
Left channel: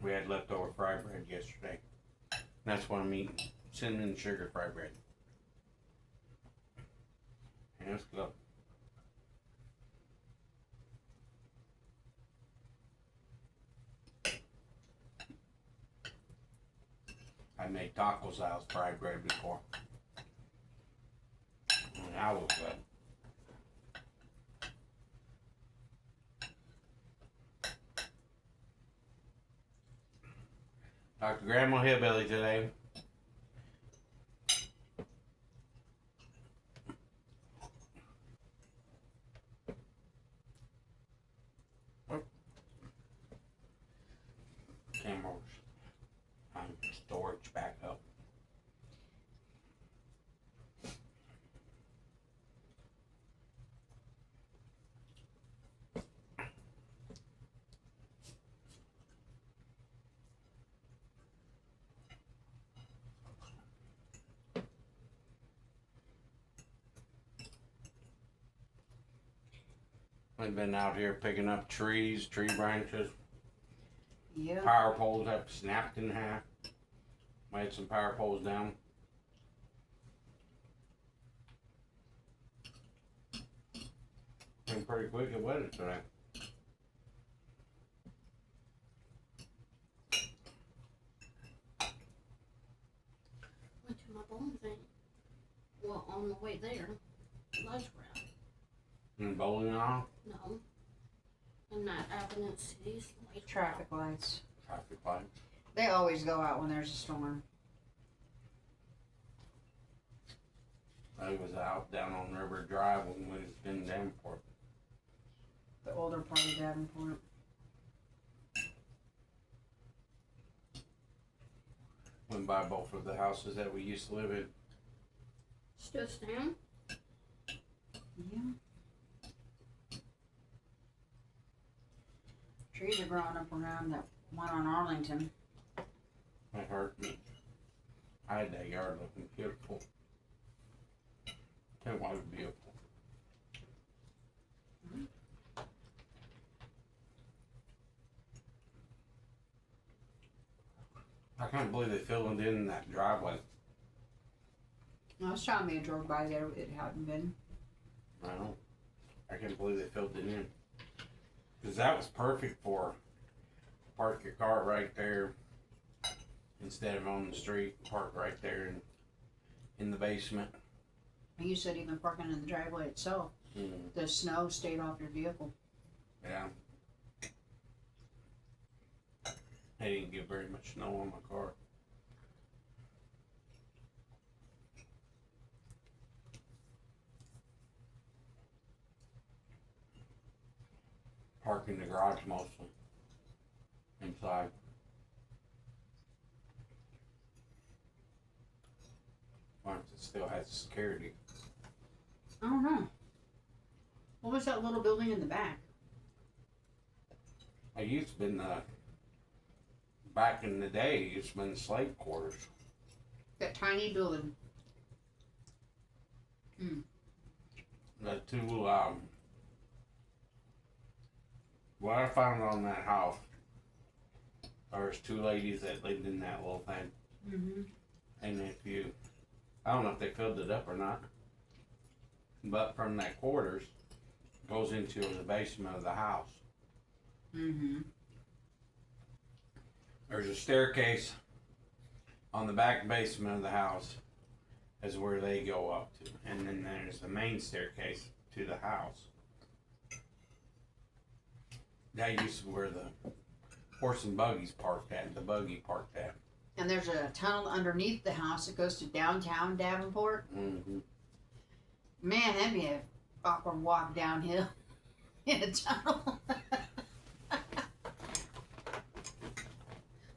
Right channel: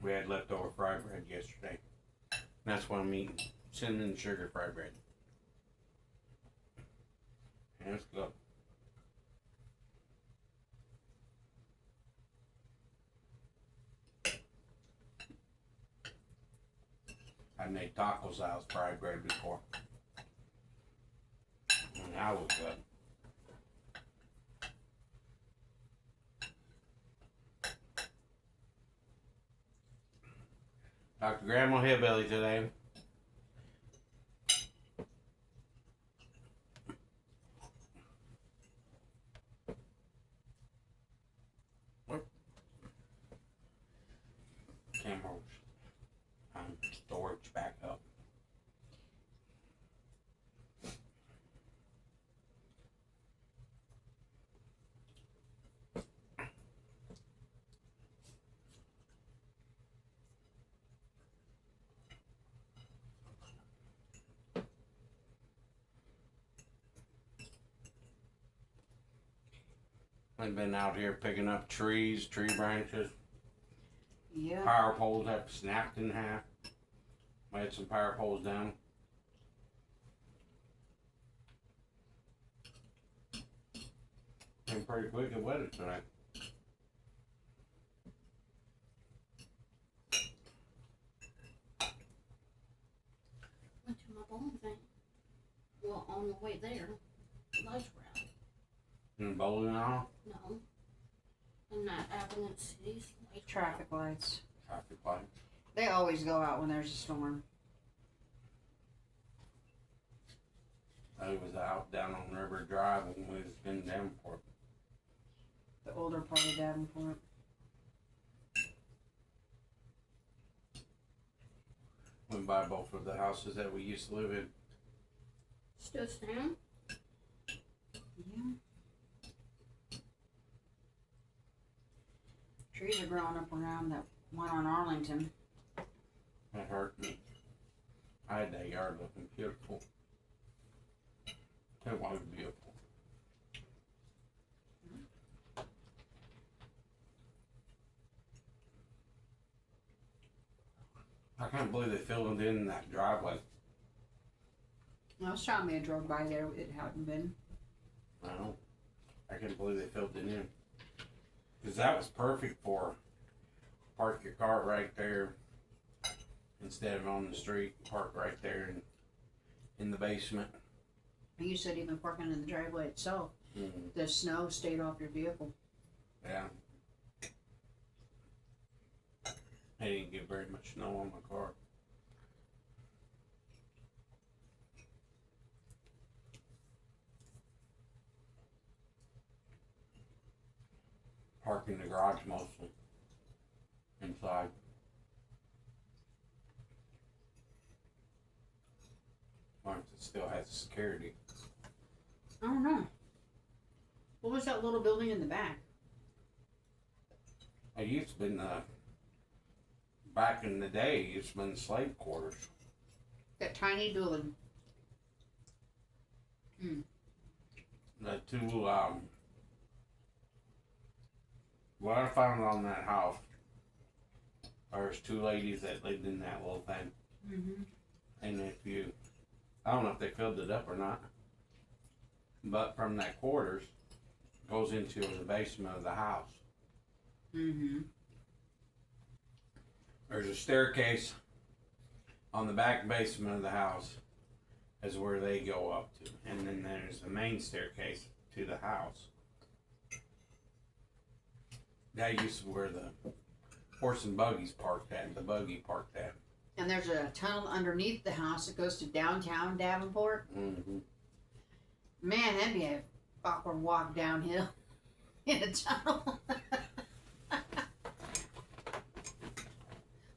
We had leftover fried bread yesterday. That's what I'm eating. Cinnamon and sugar fried bread. And it's good. I made tacos out of fried bread before. And that was good. Talked to Grandma Hillbilly today. I've been out here picking up trees, tree branches, Yeah. power poles up snapped in half. I had some power poles down. Been pretty quick at weather tonight. Went to my bowling thing. Well, on the way there, lights were out. And bowling off, No. In that Avenue Cities, lights were out. Traffic lights. traffic lights. They always go out when there's a storm. I was out down on River Drive when we was in Davenport. The older part of Davenport. Went by both of the houses that we used to live in. Still stand? Yeah. Trees are growing up around that one on Arlington. It hurt me. I had that yard looking beautiful. It was beautiful. I can't believe they filled it in that driveway. Last time we drove by there, it hadn't been. I know. I can't believe they filled it in. Because that was perfect for park your car right there instead of on the street. Park right there in the basement. You said even parking in the driveway itself. Mm, The snow stayed off your vehicle. yeah. I didn't get very much snow on my car. Park in the garage mostly. Inside. Wonder if it still has security. I don't know. What was that little building in the back? It used to been back in the day, it's been slave quarters. That tiny building. The two, what I found on that house, there's two ladies that lived in that little thing. Mm-hmm. And if you, I don't know if they filled it up or not, but from that quarters, goes into the basement of the house. Mm-hmm. There's a staircase on the back basement of the house is where they go up to. And then there's the main staircase to the house. That used to be where the horse and buggies parked at, the buggy parked at. And there's a tunnel underneath the house that goes to downtown Davenport. Mm-hmm. Man, that'd be an awkward walk downhill in a tunnel.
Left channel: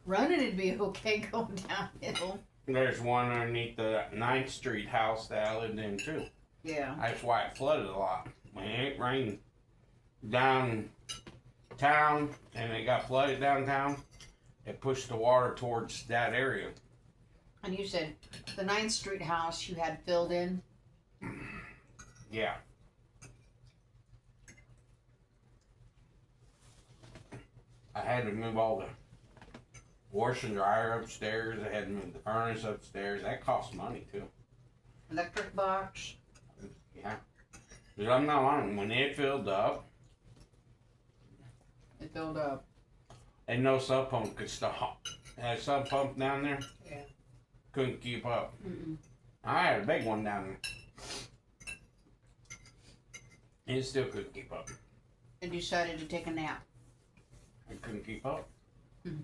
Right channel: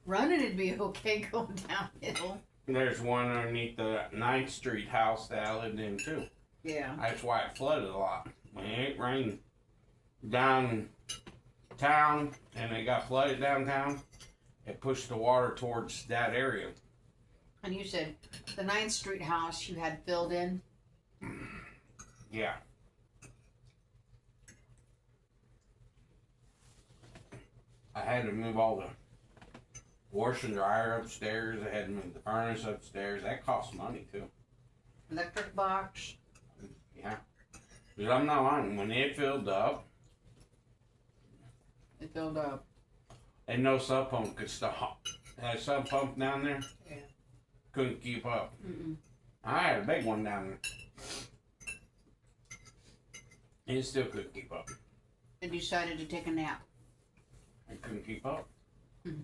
Running would be okay going downhill. There's one underneath the 9th Street house that I lived in too. Yeah. That's why it flooded a lot. When it rained downtown and it got flooded downtown, it pushed the water towards that area. And you said the 9th Street house you had filled in? Yeah. I had to move all the wash and dryer upstairs. I had to move the furnace upstairs. That cost money too. Electric box. Yeah. Because I'm not lying. When it filled up, It filled up. and no sub pump could stop. That sub pump down there Yeah. couldn't keep up. Mm-mm. I had a big one down there. And it still couldn't keep up. And decided to take a nap. I couldn't keep up. Mhm.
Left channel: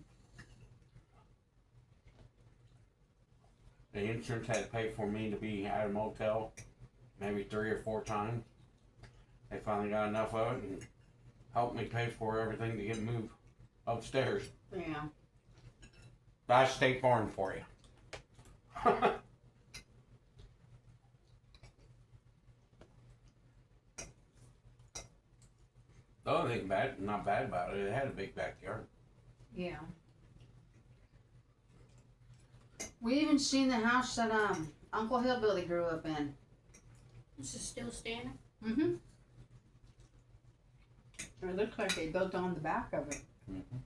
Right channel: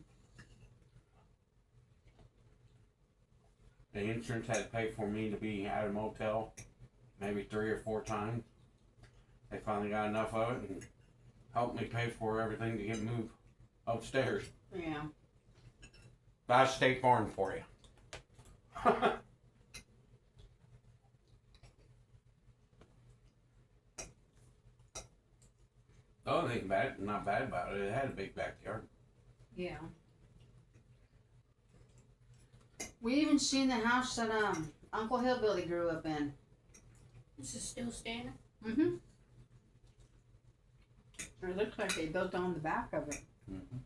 The insurance had to pay for me to be at a motel maybe 3 or 4 times. They finally got enough of it and helped me pay for everything to get moved upstairs. Yeah. That's State Farm for you. The other thing not bad about it, it had a big backyard. Yeah. We even seen the house that Uncle Hillbilly grew up in. Is it still standing? Mm-hmm. It looks like they built on the back of it. Mm-hmm.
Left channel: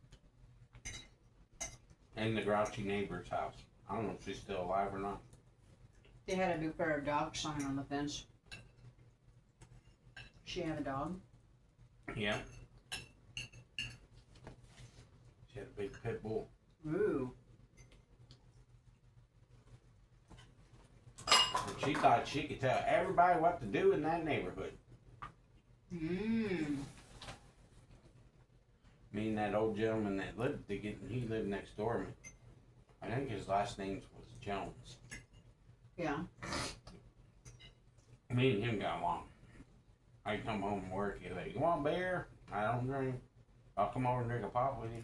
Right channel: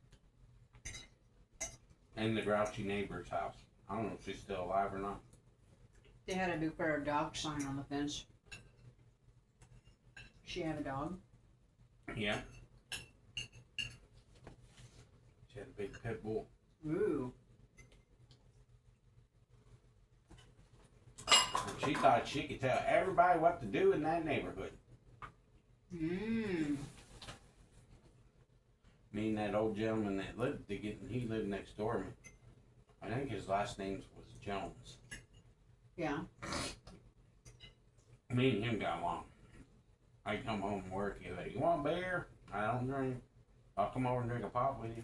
And the grouchy neighbor's house. I don't know if she's still alive or not. They had a big pair of dog sign on the fence. She have a dog? Yeah. She had a big pit bull. Ooh. And she thought she could tell everybody what to do in that neighborhood. Mmm. Me and that old gentleman that he lived next door to me. I think his last name was Jones. Yeah. Me and him got along. I come home from work, he's like, "You want beer?" I don't drink. I'll come over and drink a pop with you.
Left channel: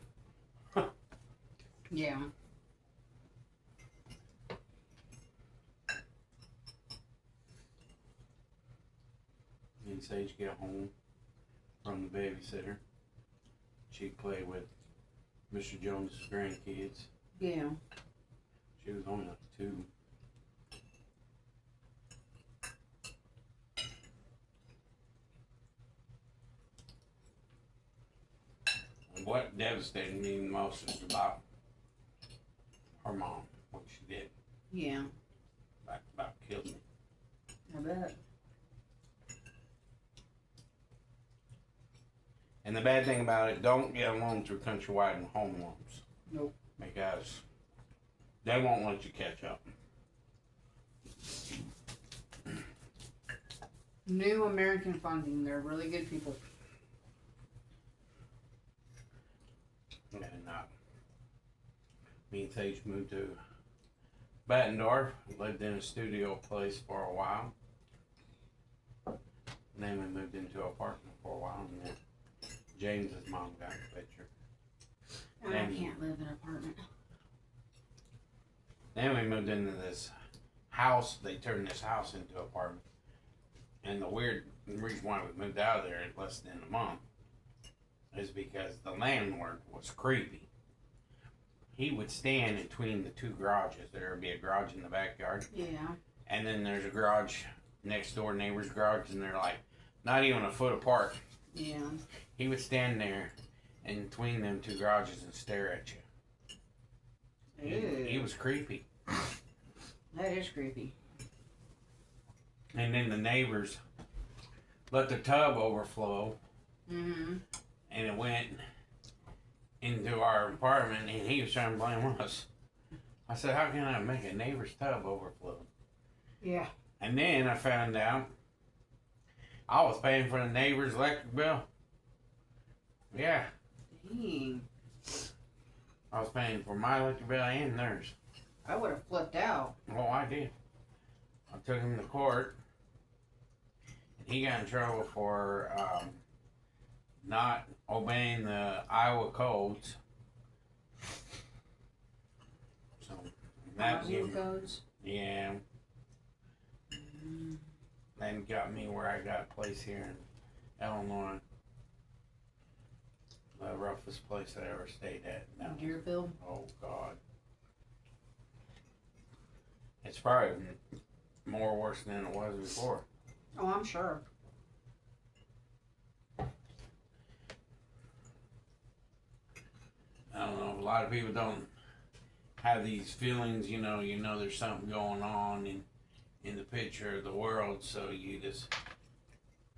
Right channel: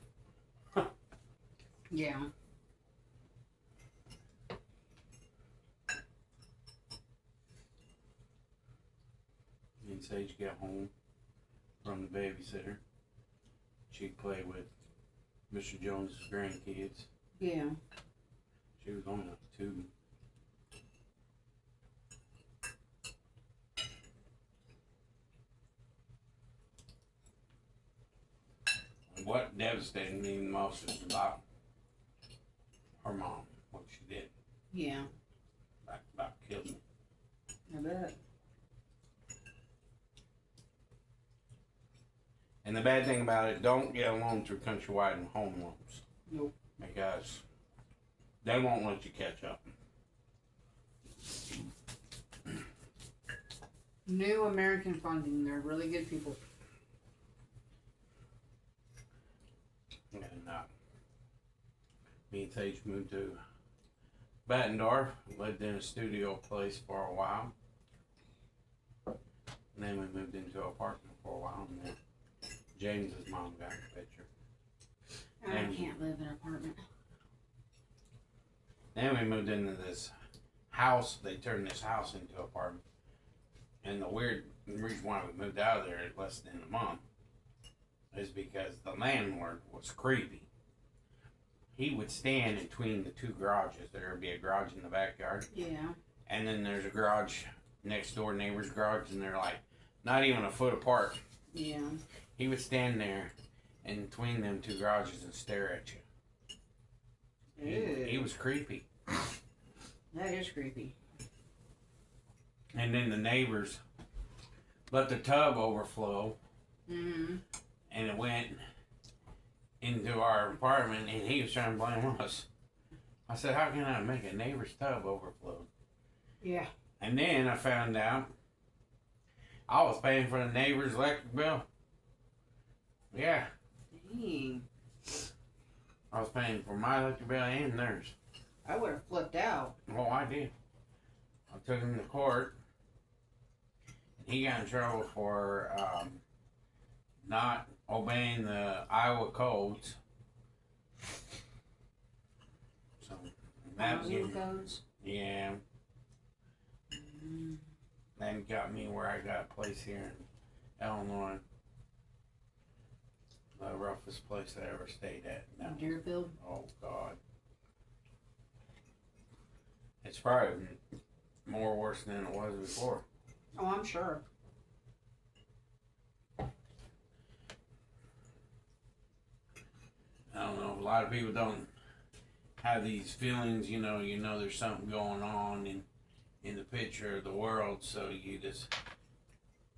Yeah. Me and Sage get home from the babysitter. She'd play with Mr. Jones' grandkids. Yeah. She was only like 2. And what devastated me the most is about her mom, what she did. Yeah. About killed me. I bet. And the bad thing about it, don't get along through Countrywide and home loans. Nope. Because they won't let you catch up. New American Funding. They're really good people. And me and Sage moved to Bettendorf, lived in a studio place for a while. And then we moved into an apartment for a while, and then James's mom got in the picture. I can't live in an apartment. Then we moved into this house. They turned this house into an apartment. And the reason why we moved out of there in less than a month is because the landlord was creepy. He would stand between the 2 garages. There would be a garage in the backyard. Yeah. And then there's a garage next door, neighbor's garage, and they're like not even a foot apart. Yeah. He would stand there in between them 2 garages and stare at you. He was creepy. That is creepy. And then the neighbors let the tub overflow, Mm-hmm. and it went into our apartment, and he was trying to blame us. I said, "How can I make a neighbor's tub overflow?" Yeah. And then I found out I was paying for the neighbor's electric bill. Yeah, Dang. I was paying for my electric bill and theirs. I would have flipped out. Oh, I did. I took him to court. He got in trouble for not obeying the Iowa codes. So that Housing codes. yeah, that got me where I got a place here in Illinois. The roughest place I ever stayed at. Deerfield. Oh God, it's probably more worse than it was before. Oh, I'm sure. I don't know. A lot of people don't have these feelings. You know, there's something going on in the picture of the world, so you just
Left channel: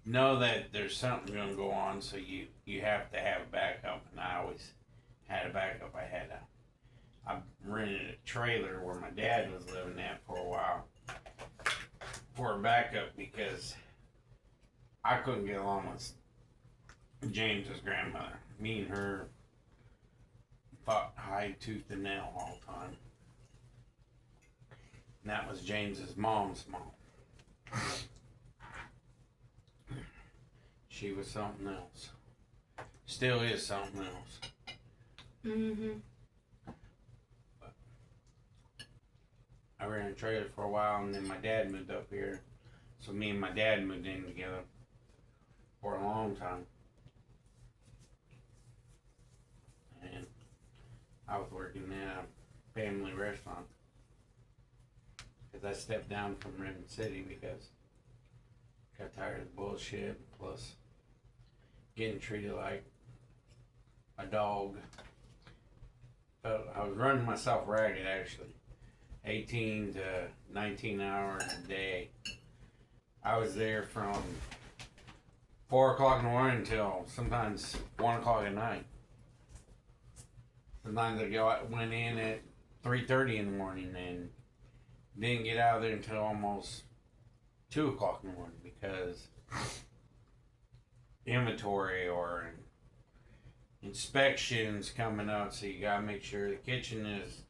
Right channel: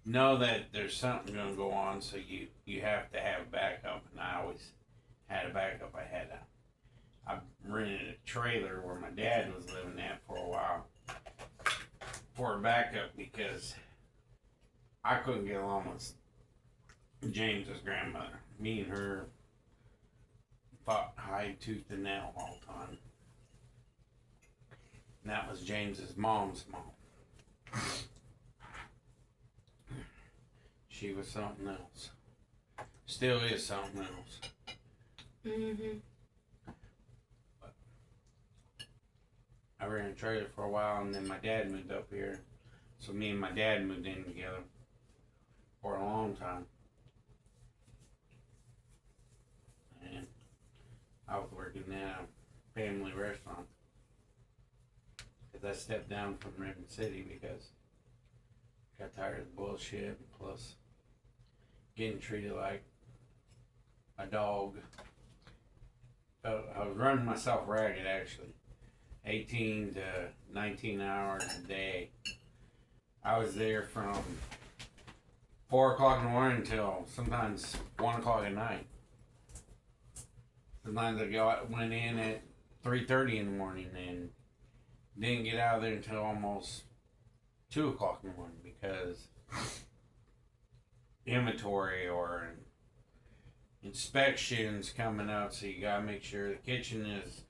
know that there's something going to go on. So you have to have backup, and I always had a backup. I rented a trailer where my dad was living at for a while for a backup because I couldn't get along with James's grandmother. Me and her fought high tooth and nail all the time. And that was James's mom's mom. She was something else. Still is something else. Mm-hmm. I ran a trailer for a while, and then my dad moved up here. So me and my dad moved in together for a long time. And I was working in a family restaurant. Because I stepped down from Ribbon City because I got tired of the bullshit. Plus, getting treated like a dog. I was running myself ragged actually. 18 to 19 hours a day. I was there from 4 o'clock in the morning until sometimes 1 o'clock at night. Sometimes went in at 3:30 in the morning and didn't get out of there until almost 2 o'clock in the morning because inventory or inspections coming up, so you gotta make sure the kitchen is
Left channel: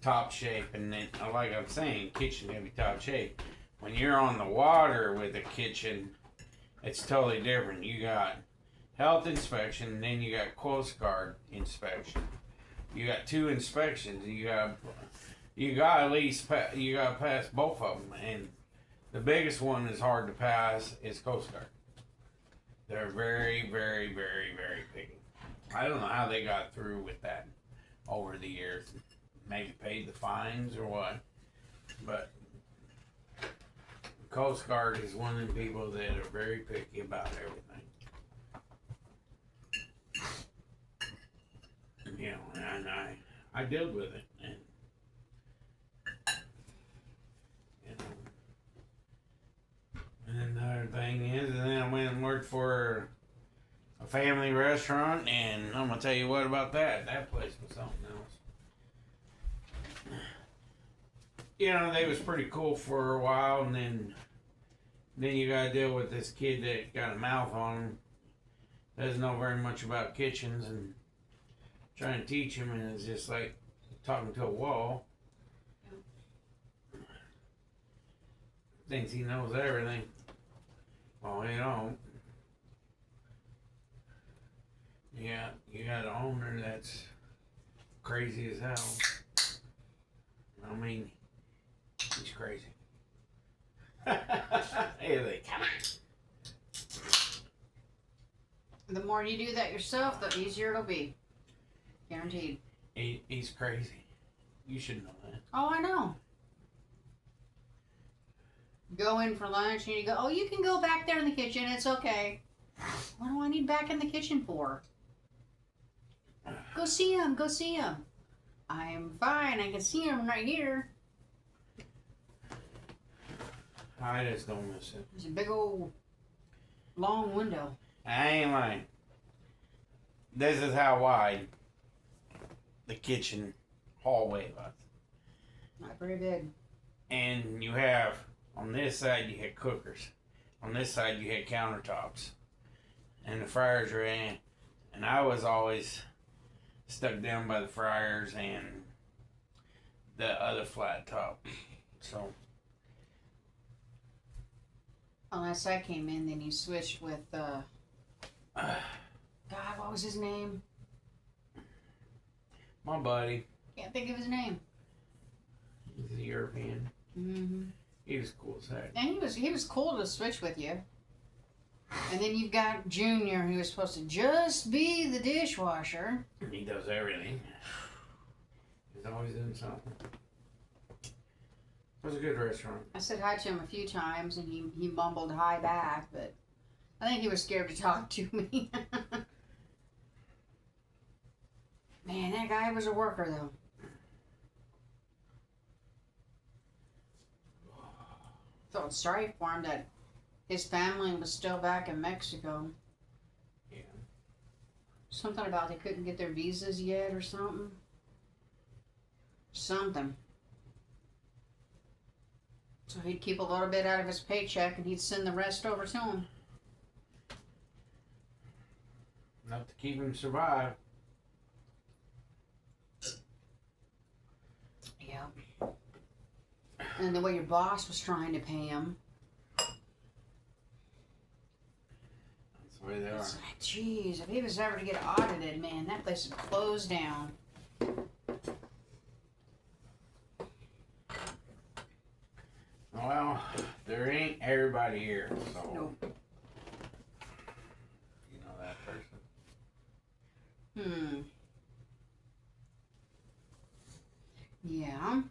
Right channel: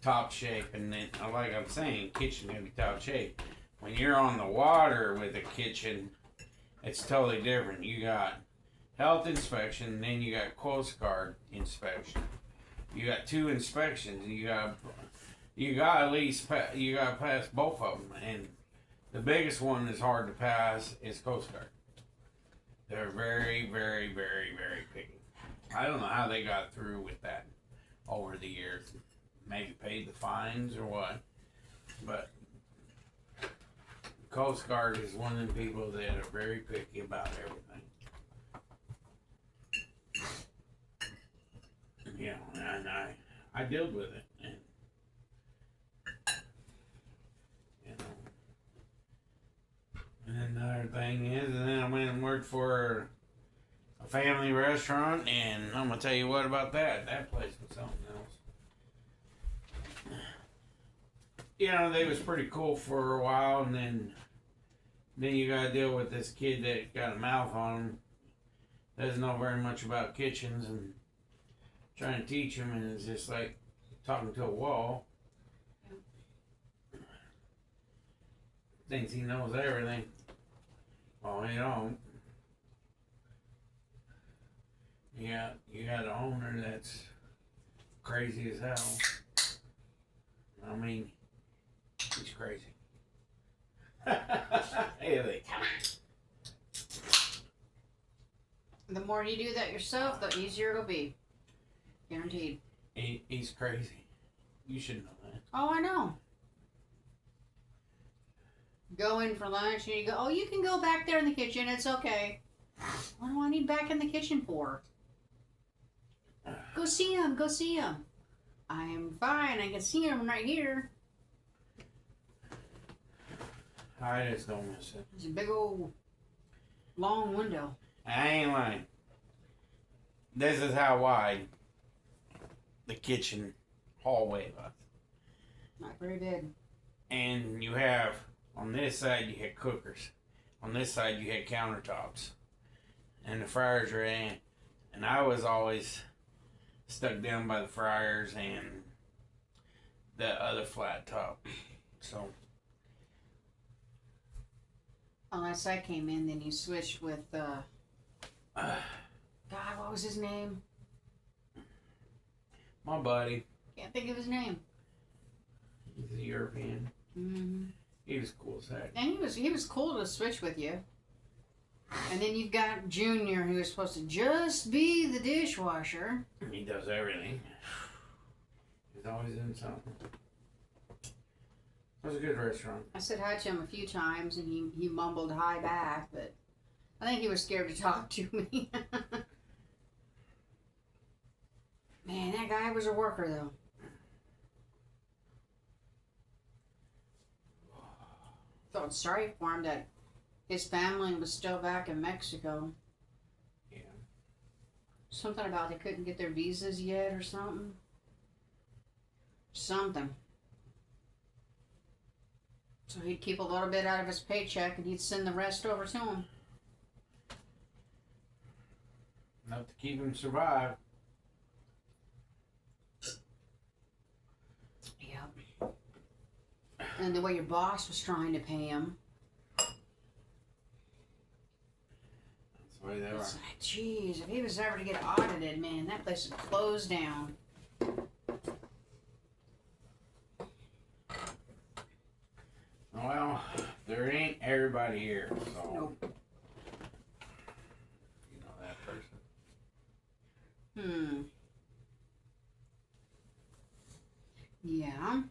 top shape. And then, like I'm saying, kitchen gotta be top shape. When you're on the water with a kitchen, it's totally different. You got health inspection, then you got Coast Guard inspection. You got 2 inspections, and you got at least you got to pass both of them. And the biggest one is hard to pass is Coast Guard. They're very, very, very, very picky. I don't know how they got through with that over the years. Maybe paid the fines or what, but Coast Guard is one of the people that are very picky about everything. You know, and I dealt with it, and you know. And another thing is, and then I went and worked for a family restaurant, and I'm gonna tell you what about that. That place was something else. You know, they was pretty cool for a while, and then you gotta deal with this kid that got a mouth on him. Doesn't know very much about kitchens, and trying to teach him, and it's just like talking to a wall. Thinks he knows everything. Well, he don't. You got an owner that's crazy as hell. I mean, he's crazy. Hey, come on. The more you do that yourself, the easier it'll be. Guaranteed. He's crazy. You should know that. Oh, I know. Go in for lunch and you go, oh, you can go back there in the kitchen. It's okay. What do I need back in the kitchen for? Go see him. Go see him. I'm fine. I can see him right here. I just don't miss it. There's a big old long window. I ain't lying. This is how wide the kitchen hallway was. Not very big. And you have, on this side you had cookers. On this side you had countertops. And the fryers were in. And I was always stuck down by the fryers and the other flat top. So. Unless I came in, then you switched with, God, what was his name? My buddy. Can't think of his name. He's a European. Mm-hmm. He was cool as heck. And he was cool to switch with you. And then you've got Junior, who is supposed to just be the dishwasher. He does everything. He's always doing something. It was a good restaurant. I said hi to him a few times, and he mumbled hi back, but I think he was scared to talk to me. Man, that guy was a worker, though. Felt sorry for him that his family was still back in Mexico. Yeah. Something about they couldn't get their visas yet or something. Something. So he'd keep a little bit out of his paycheck and he'd send the rest over to him. Enough to keep him survive. Yep. And the way your boss was trying to pay him. That's the way they are. It's like, geez, if he was ever to get audited, man, that place would close down. Well, there ain't everybody here, so. Nope. You know that person. Yeah.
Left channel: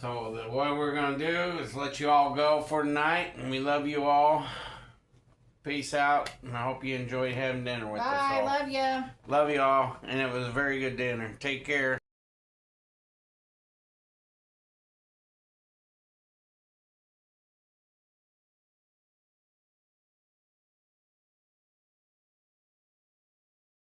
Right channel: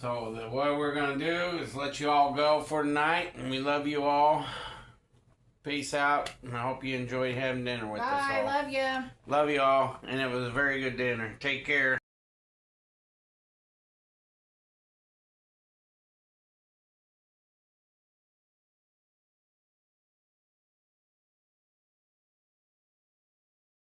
So what we're gonna do is let you all go for tonight, and we love you all. Peace out, and I hope you enjoyed having dinner with us Bye. all. Love ya. Love you all, and it was a very good dinner. Take care.